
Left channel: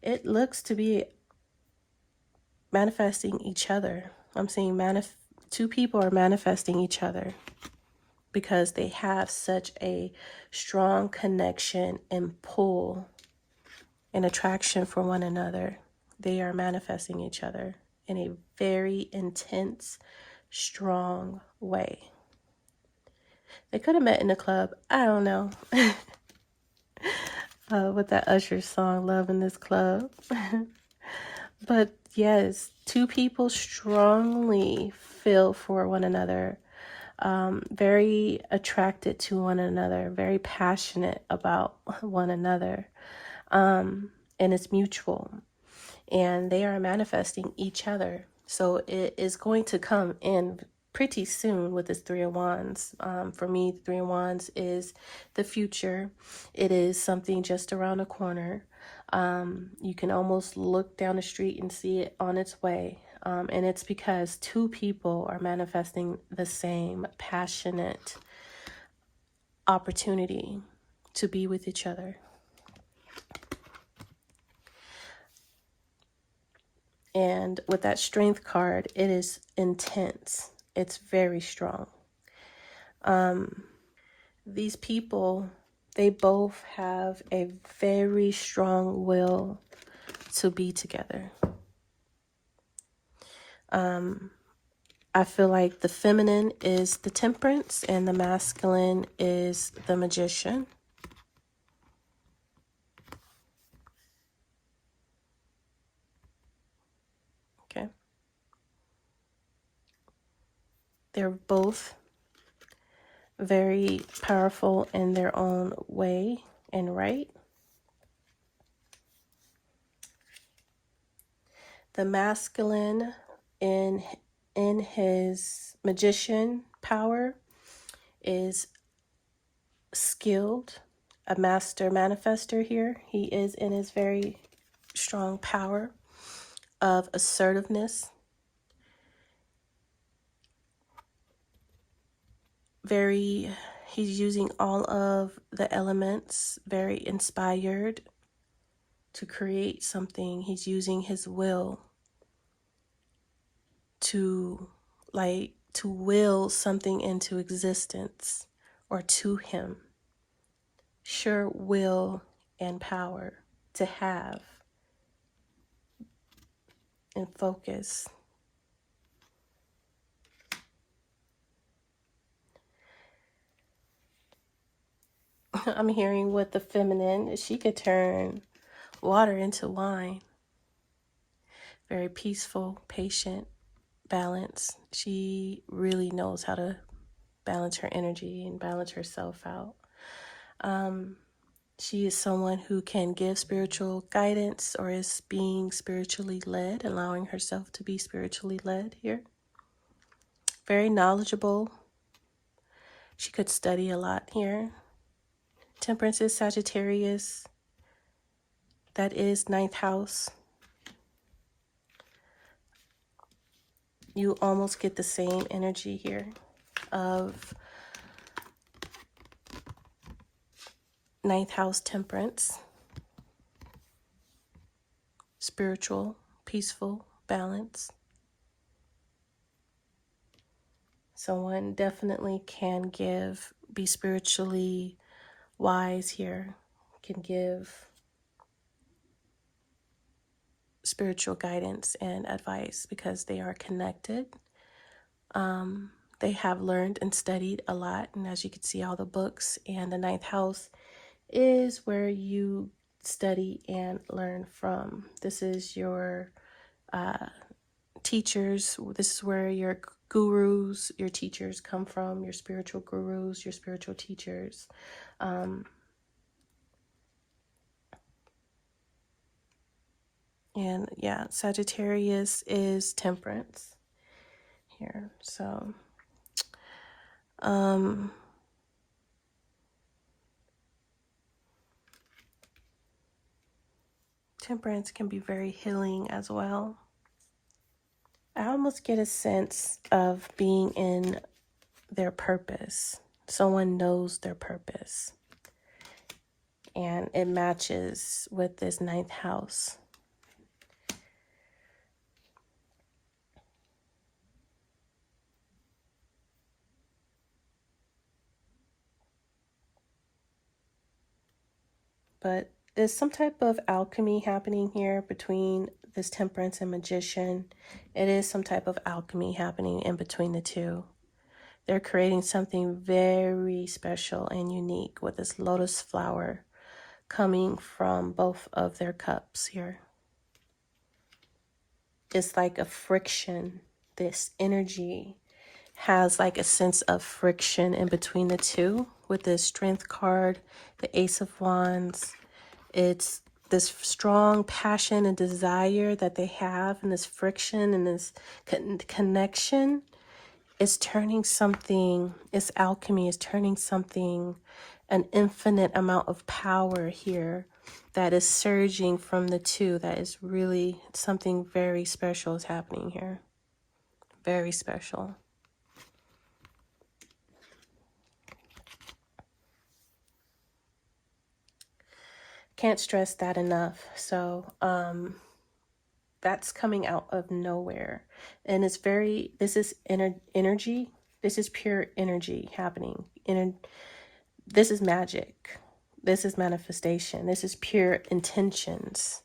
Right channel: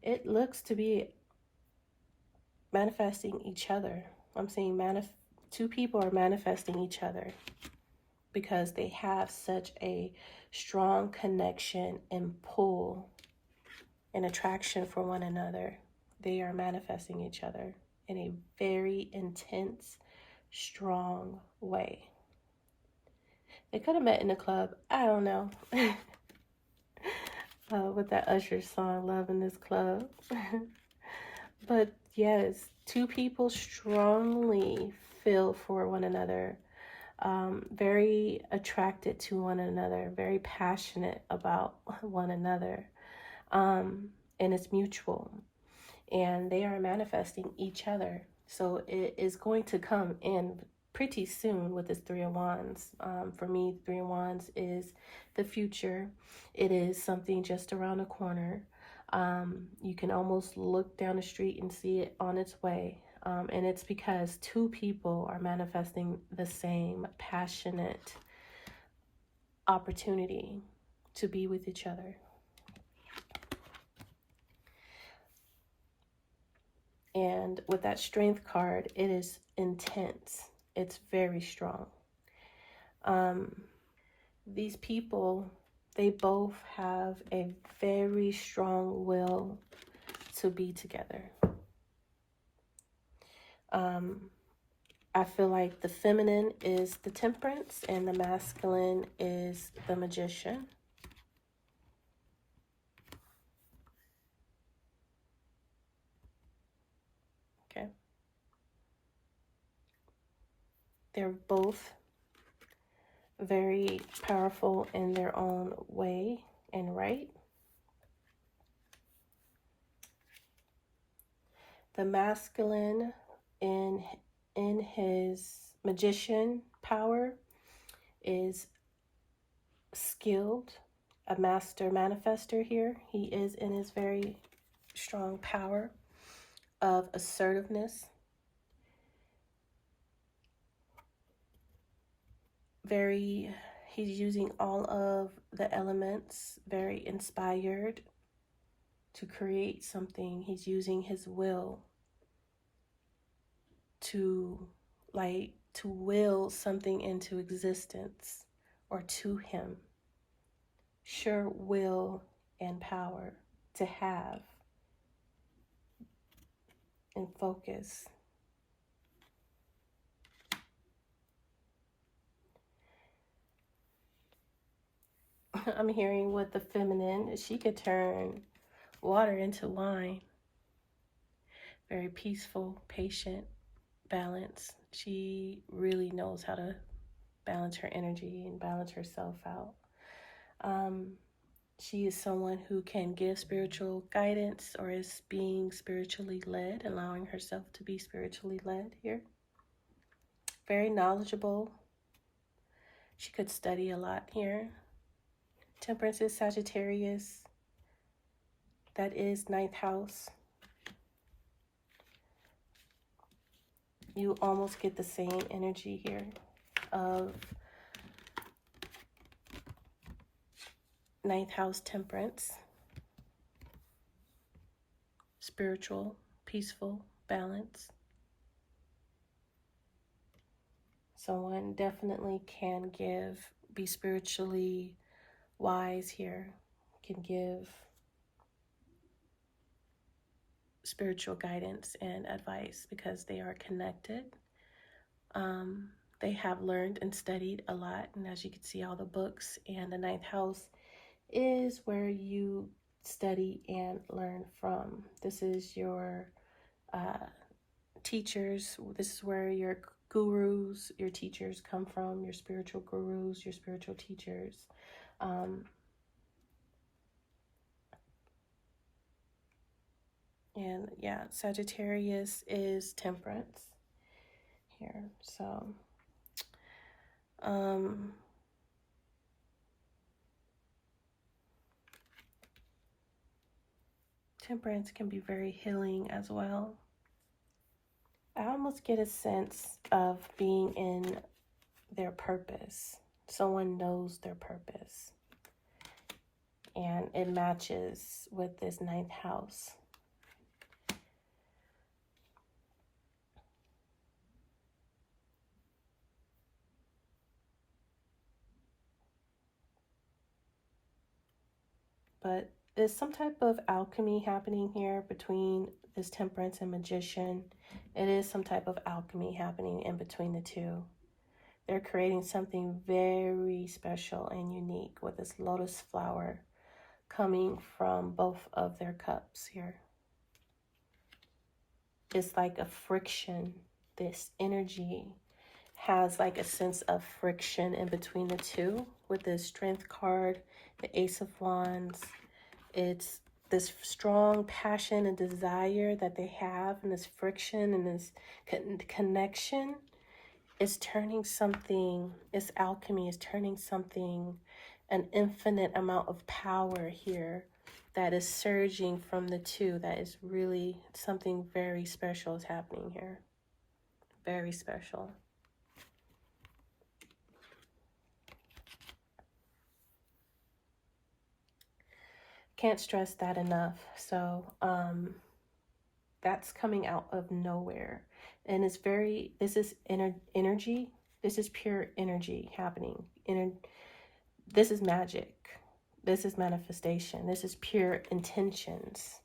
It looks to be manifesting each other. I'm saying two people are manifesting each other because they have such a strong connection and pull and attraction for one another. They are manifesting each other in a very intense, strong way. They could have met in a club. I don't know. With that Usher song, Love in This Club. But yes, two people strongly feel for one another, very attracted to one another, very passionate about one another, and it's mutual, and they are manifesting each other. So it is going to come in pretty soon with this Three of Wands. For me, the Three of Wands is the future. It is something just around the corner. You can almost look down the street and see it on its way. And it's because two people are manifesting the same passionate opportunity to be with each other. And with that Strength card, it is intense. It's very strong. These people, they both have a very strong will to be together. I feel like the feminine is the Temperance and the masculine is the Magician. Okay. They're both very powerful in their own way and right. The masculine in his magician power is skilled, a master manifester here. He is in his very strong power of assertiveness. He's using all of the elements, very inspired to create something. He's using his will to will something into existence or to him. Sure will and power to have and focus. I'm hearing with the feminine, she could turn water into wine. Very peaceful, patient, balanced. She really knows how to balance her energy and balance herself out. She is someone who can give spiritual guidance or is being spiritually led, allowing herself to be spiritually led here. Very knowledgeable. She could study a lot here. Temperance is Sagittarius. That is 9th house. You almost get the same energy here of 9th house Temperance. Spiritual, peaceful, balance. Someone definitely can be spiritually wise here, can give spiritual guidance and advice because they are connected. They have learned and studied a lot, and as you can see, all the books, and the 9th house is where you study and learn from. This is your teachers. This is where your gurus, your teachers come from, your spiritual gurus, your spiritual teachers. And yeah, Sagittarius is Temperance here. So, Temperance can be very healing as well. I almost get a sense of being in their purpose. Someone knows their purpose. And it matches with this 9th house. But there's some type of alchemy happening here between this Temperance and Magician. It is some type of alchemy happening in between the two. They're creating something very special and unique with this lotus flower coming from both of their cups here. It's like a friction. This energy has like a sense of friction in between the two with this Strength card, the Ace of Wands. It's this strong passion and desire that they have, and this friction and this connection is turning something, it's alchemy, is turning something, an infinite amount of power here that is surging from the two. That is really something very special is happening here. Very special. Can't stress that enough. So that's coming out of nowhere. And it's very, this is energy. This is pure energy happening. This is magic. This is manifestation. This is pure intentions,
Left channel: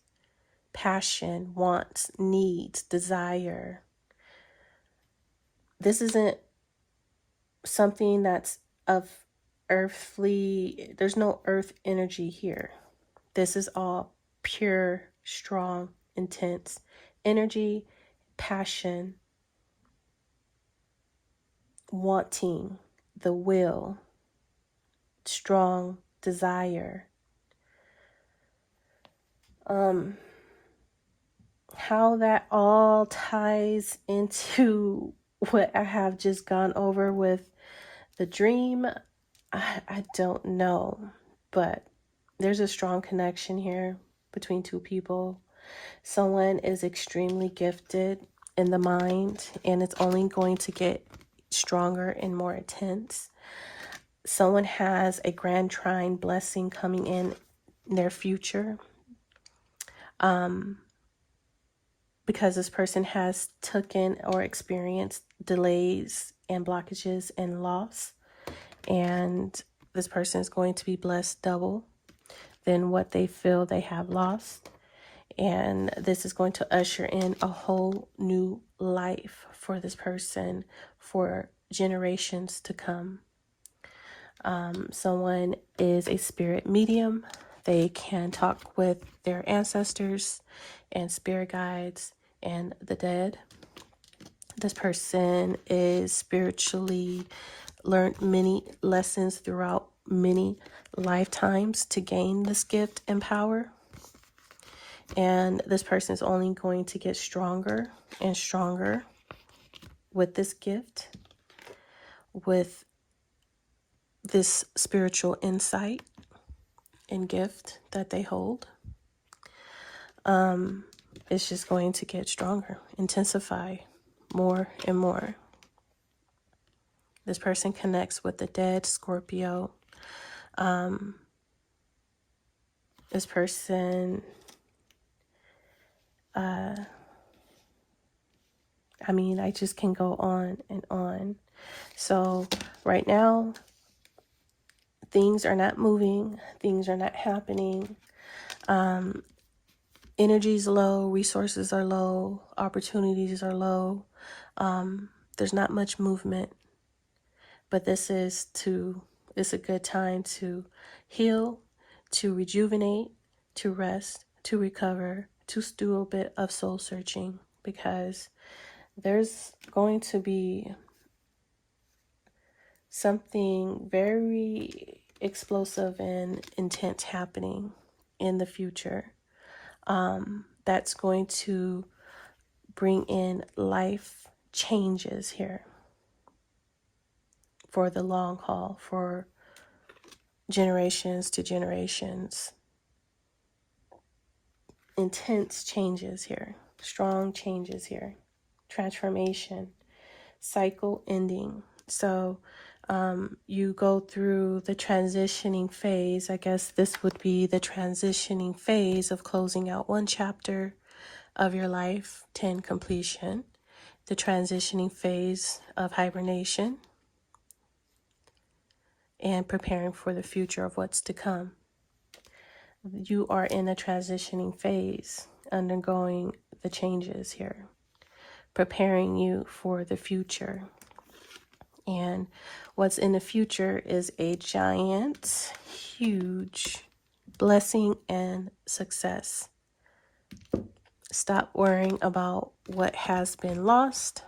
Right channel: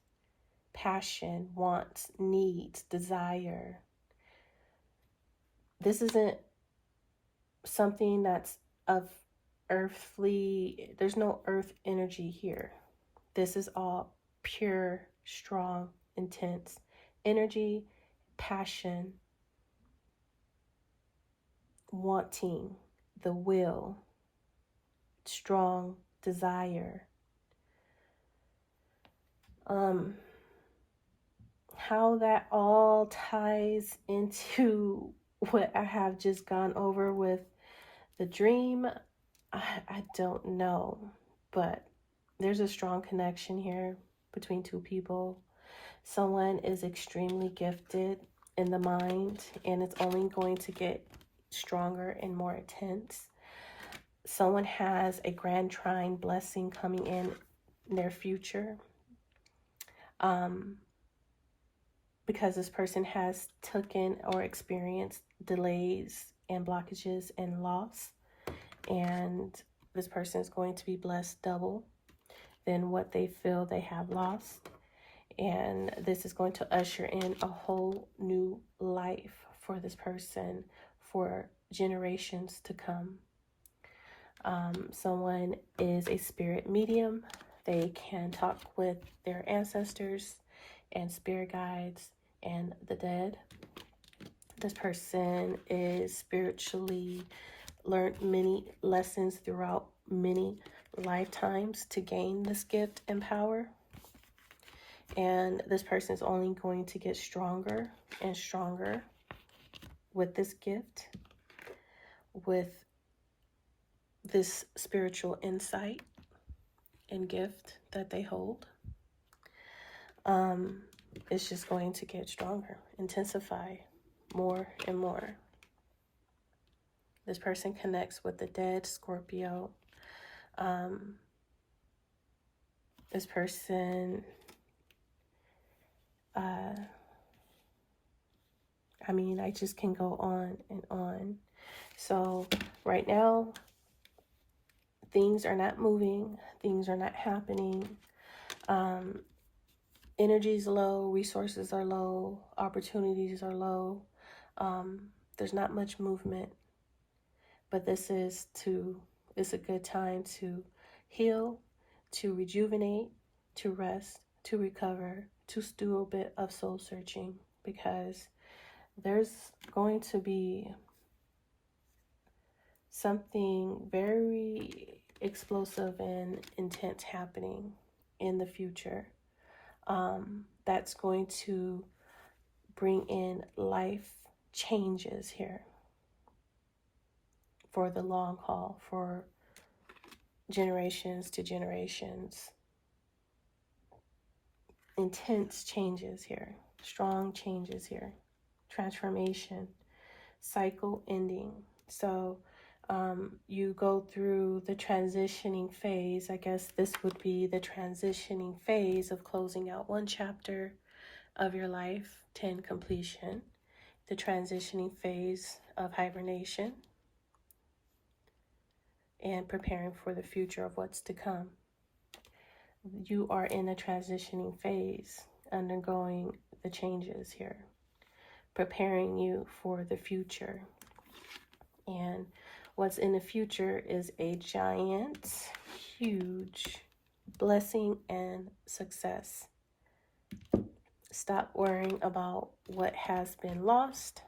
passion, wants, needs, desire. This isn't something that's of earthly, there's no earth energy here. This is all pure, strong, intense energy, passion, wanting, the will, strong desire. How that all ties into what I have just gone over with the dream, I don't know, but there's a strong connection here between two people. Someone is extremely gifted in the mind, and it's only going to get stronger and more intense. Someone has a grand trine blessing coming in their future. Because this person has taken or experienced delays and blockages and loss. And this person is going to be blessed double than what they feel they have lost. And this is going to usher in a whole new life for this person for generations to come. Someone is a spirit medium. They can talk with their ancestors and spirit guides and the dead. This person is spiritually learned many lessons throughout many lifetimes to gain this gift and power. And this person is only going to get stronger and stronger with this gift, with this spiritual insight and gift that they hold. It's just going to get stronger, intensify more and more. This person connects with the dead, Scorpio. This person, I mean, I just can go on and on. So right now, things are not moving. Things are not happening. Energy is low. Resources are low. Opportunities are low. There's not much movement. But this is a good time to heal, to rejuvenate, to rest, to recover, to do a bit of soul searching, because there's going to be something very explosive and intense happening in the future that's going to bring in life changes here for the long haul, for generations to generations. intense changes here, strong changes here, transformation, cycle ending. So you go through the transitioning phase. I guess this would be the transitioning phase of closing out one chapter of your life, 10 completion, the transitioning phase of hibernation, and preparing for the future of what's to come. You are in a transitioning phase, undergoing the changes here, preparing you for the future. And what's in the future is a giant, huge blessing and success. Stop worrying about what has been lost,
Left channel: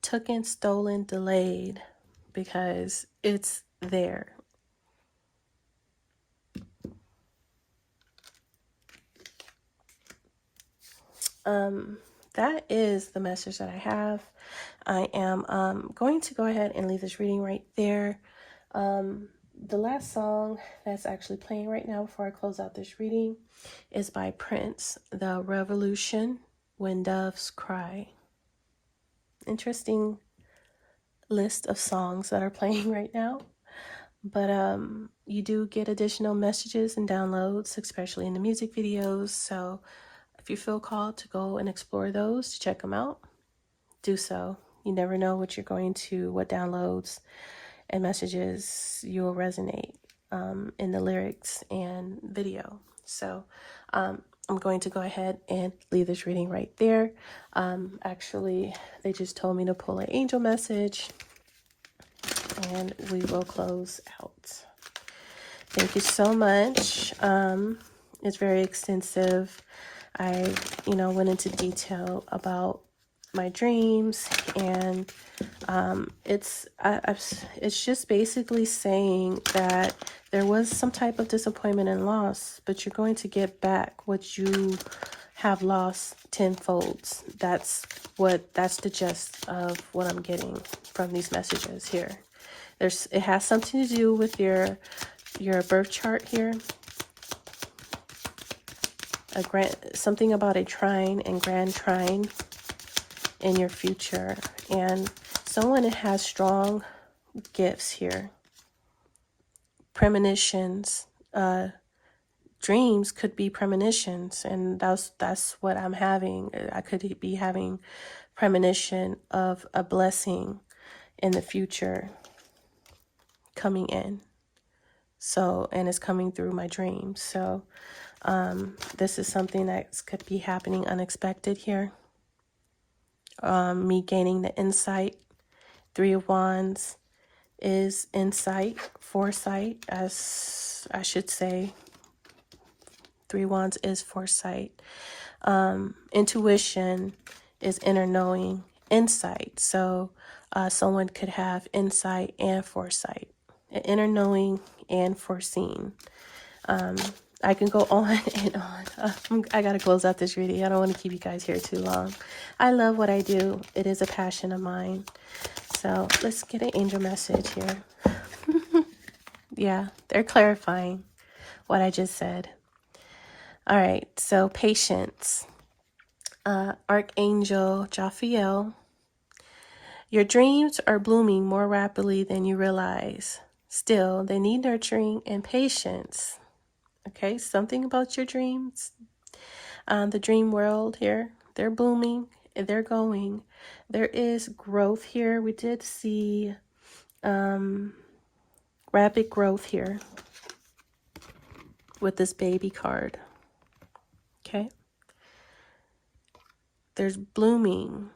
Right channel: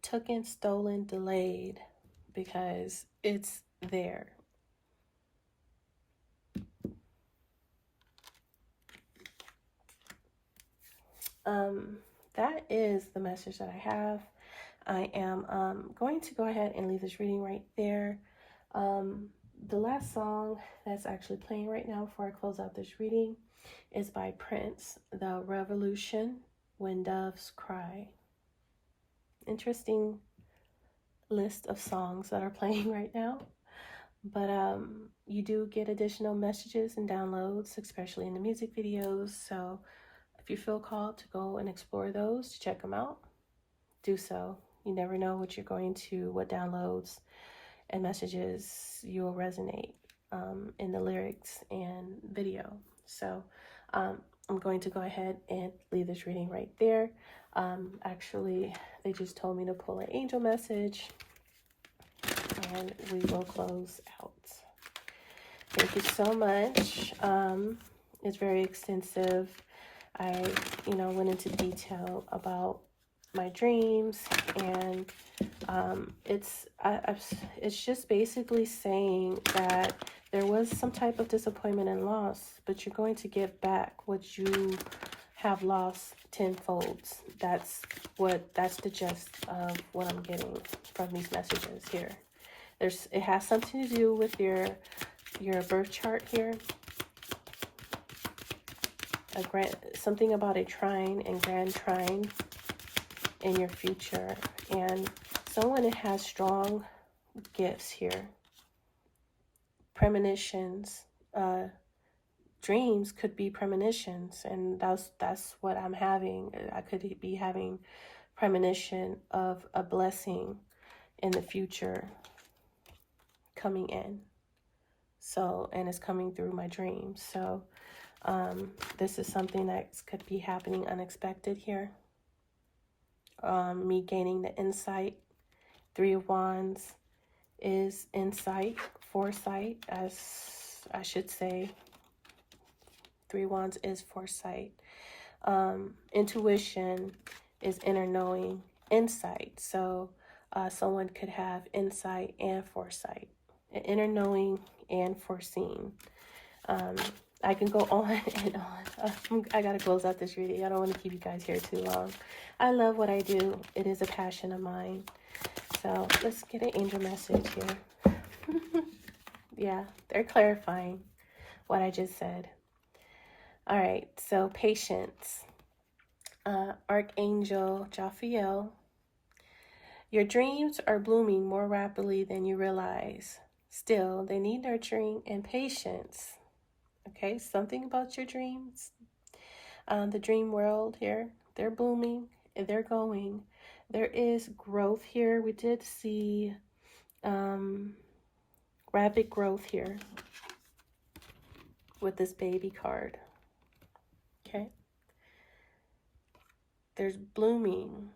taken, stolen, delayed, because it's there. That is the message that I have. I am going to go ahead and leave this reading right there. The last song that's actually playing right now before I close out this reading is by Prince, The Revolution, When Doves Cry. Interesting list of songs that are playing right now. But you do get additional messages and downloads, especially in the music videos. So if you feel called to go and explore those, to check them out, do so. You never know what downloads and messages you will resonate in the lyrics and video. So I'm going to go ahead and leave this reading right there. Actually, they just told me to pull an angel message, and we will close out. Thank you so much. It's very extensive. I, went into detail about my dreams, and it's just basically saying that there was some type of disappointment and loss, but you're going to get back what you have lost tenfold. That's the gist of what I'm getting from these messages here. It has something to do with your birth chart here. Something about a trine and grand trine in your future, and someone that has strong gifts here, premonitions, dreams could be premonitions, and that's what I'm having. I could be having premonition of a blessing in the future coming in. So, and it's coming through my dreams. So this is something that could be happening unexpected here. Me gaining the insight. 3 of Wands is insight, foresight, as I should say. 3 of Wands is foresight. Intuition is inner knowing, insight. So someone could have insight and foresight, inner knowing and foreseen. I can go on and on. I gotta close out this reading. I don't want to keep you guys here too long. I love what I do. It is a passion of mine. So let's get an angel message here. Yeah, they're clarifying what I just said. All right, so patience. Archangel Jophiel. Your dreams are blooming more rapidly than you realize. Still, they need nurturing and patience. Okay, something about your dreams. The dream world here, they're blooming, they're going. There is growth here. We did see rapid growth here with this baby card. Okay. There's blooming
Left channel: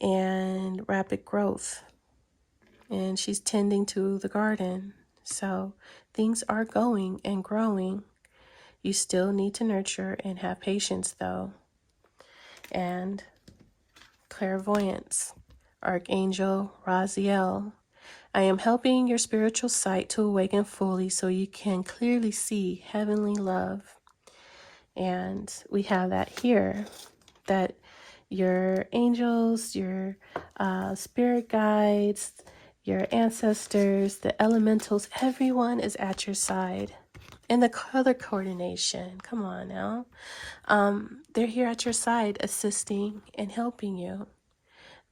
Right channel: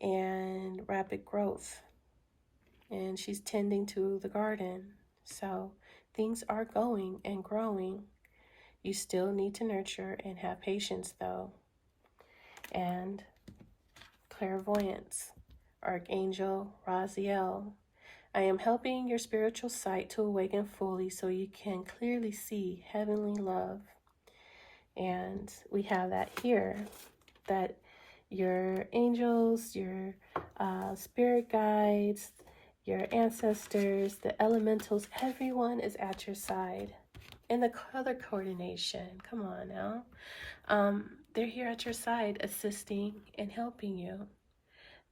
and rapid growth. And she's tending to the garden. So things are going and growing. You still need to nurture and have patience though. And clairvoyance, Archangel Raziel. I am helping your spiritual sight to awaken fully so you can clearly see heavenly love. And we have that here, that your angels, your spirit guides, your ancestors, the elementals, everyone is at your side. And the color coordination, come on now. They're here at your side, assisting and helping you.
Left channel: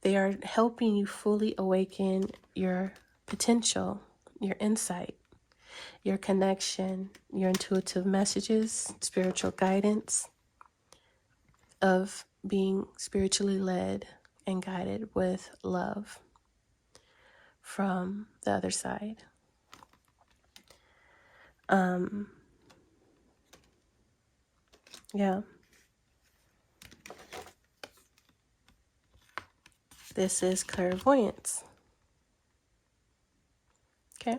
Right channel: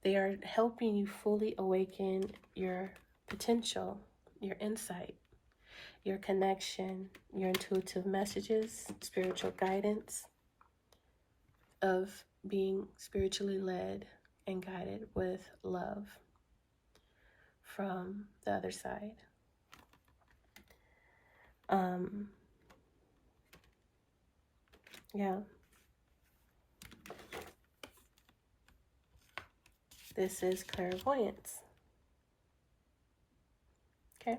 They are helping you fully awaken your potential, your insight, your connection, your intuitive messages, spiritual guidance of being spiritually led and guided with love from the other side. Yeah. This is clairvoyance. Okay.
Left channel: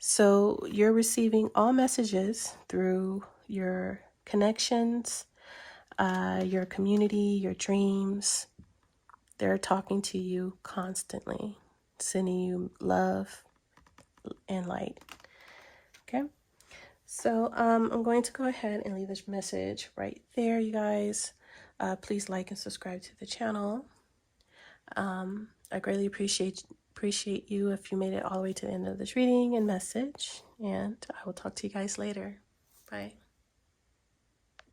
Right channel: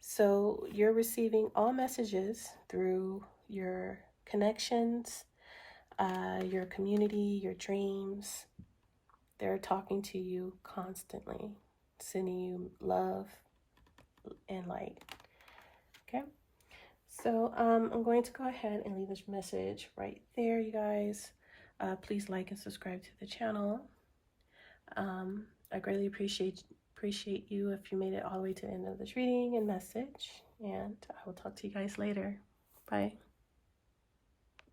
So you're receiving all messages through your connections, your community, your dreams. They're talking to you constantly, sending you love and light. Okay. So I'm going to go ahead and leave this message right there, you guys. Please like and subscribe to the channel. I greatly appreciate you if you made it all the way to the end of this reading and message. And I will talk to you guys later. Bye.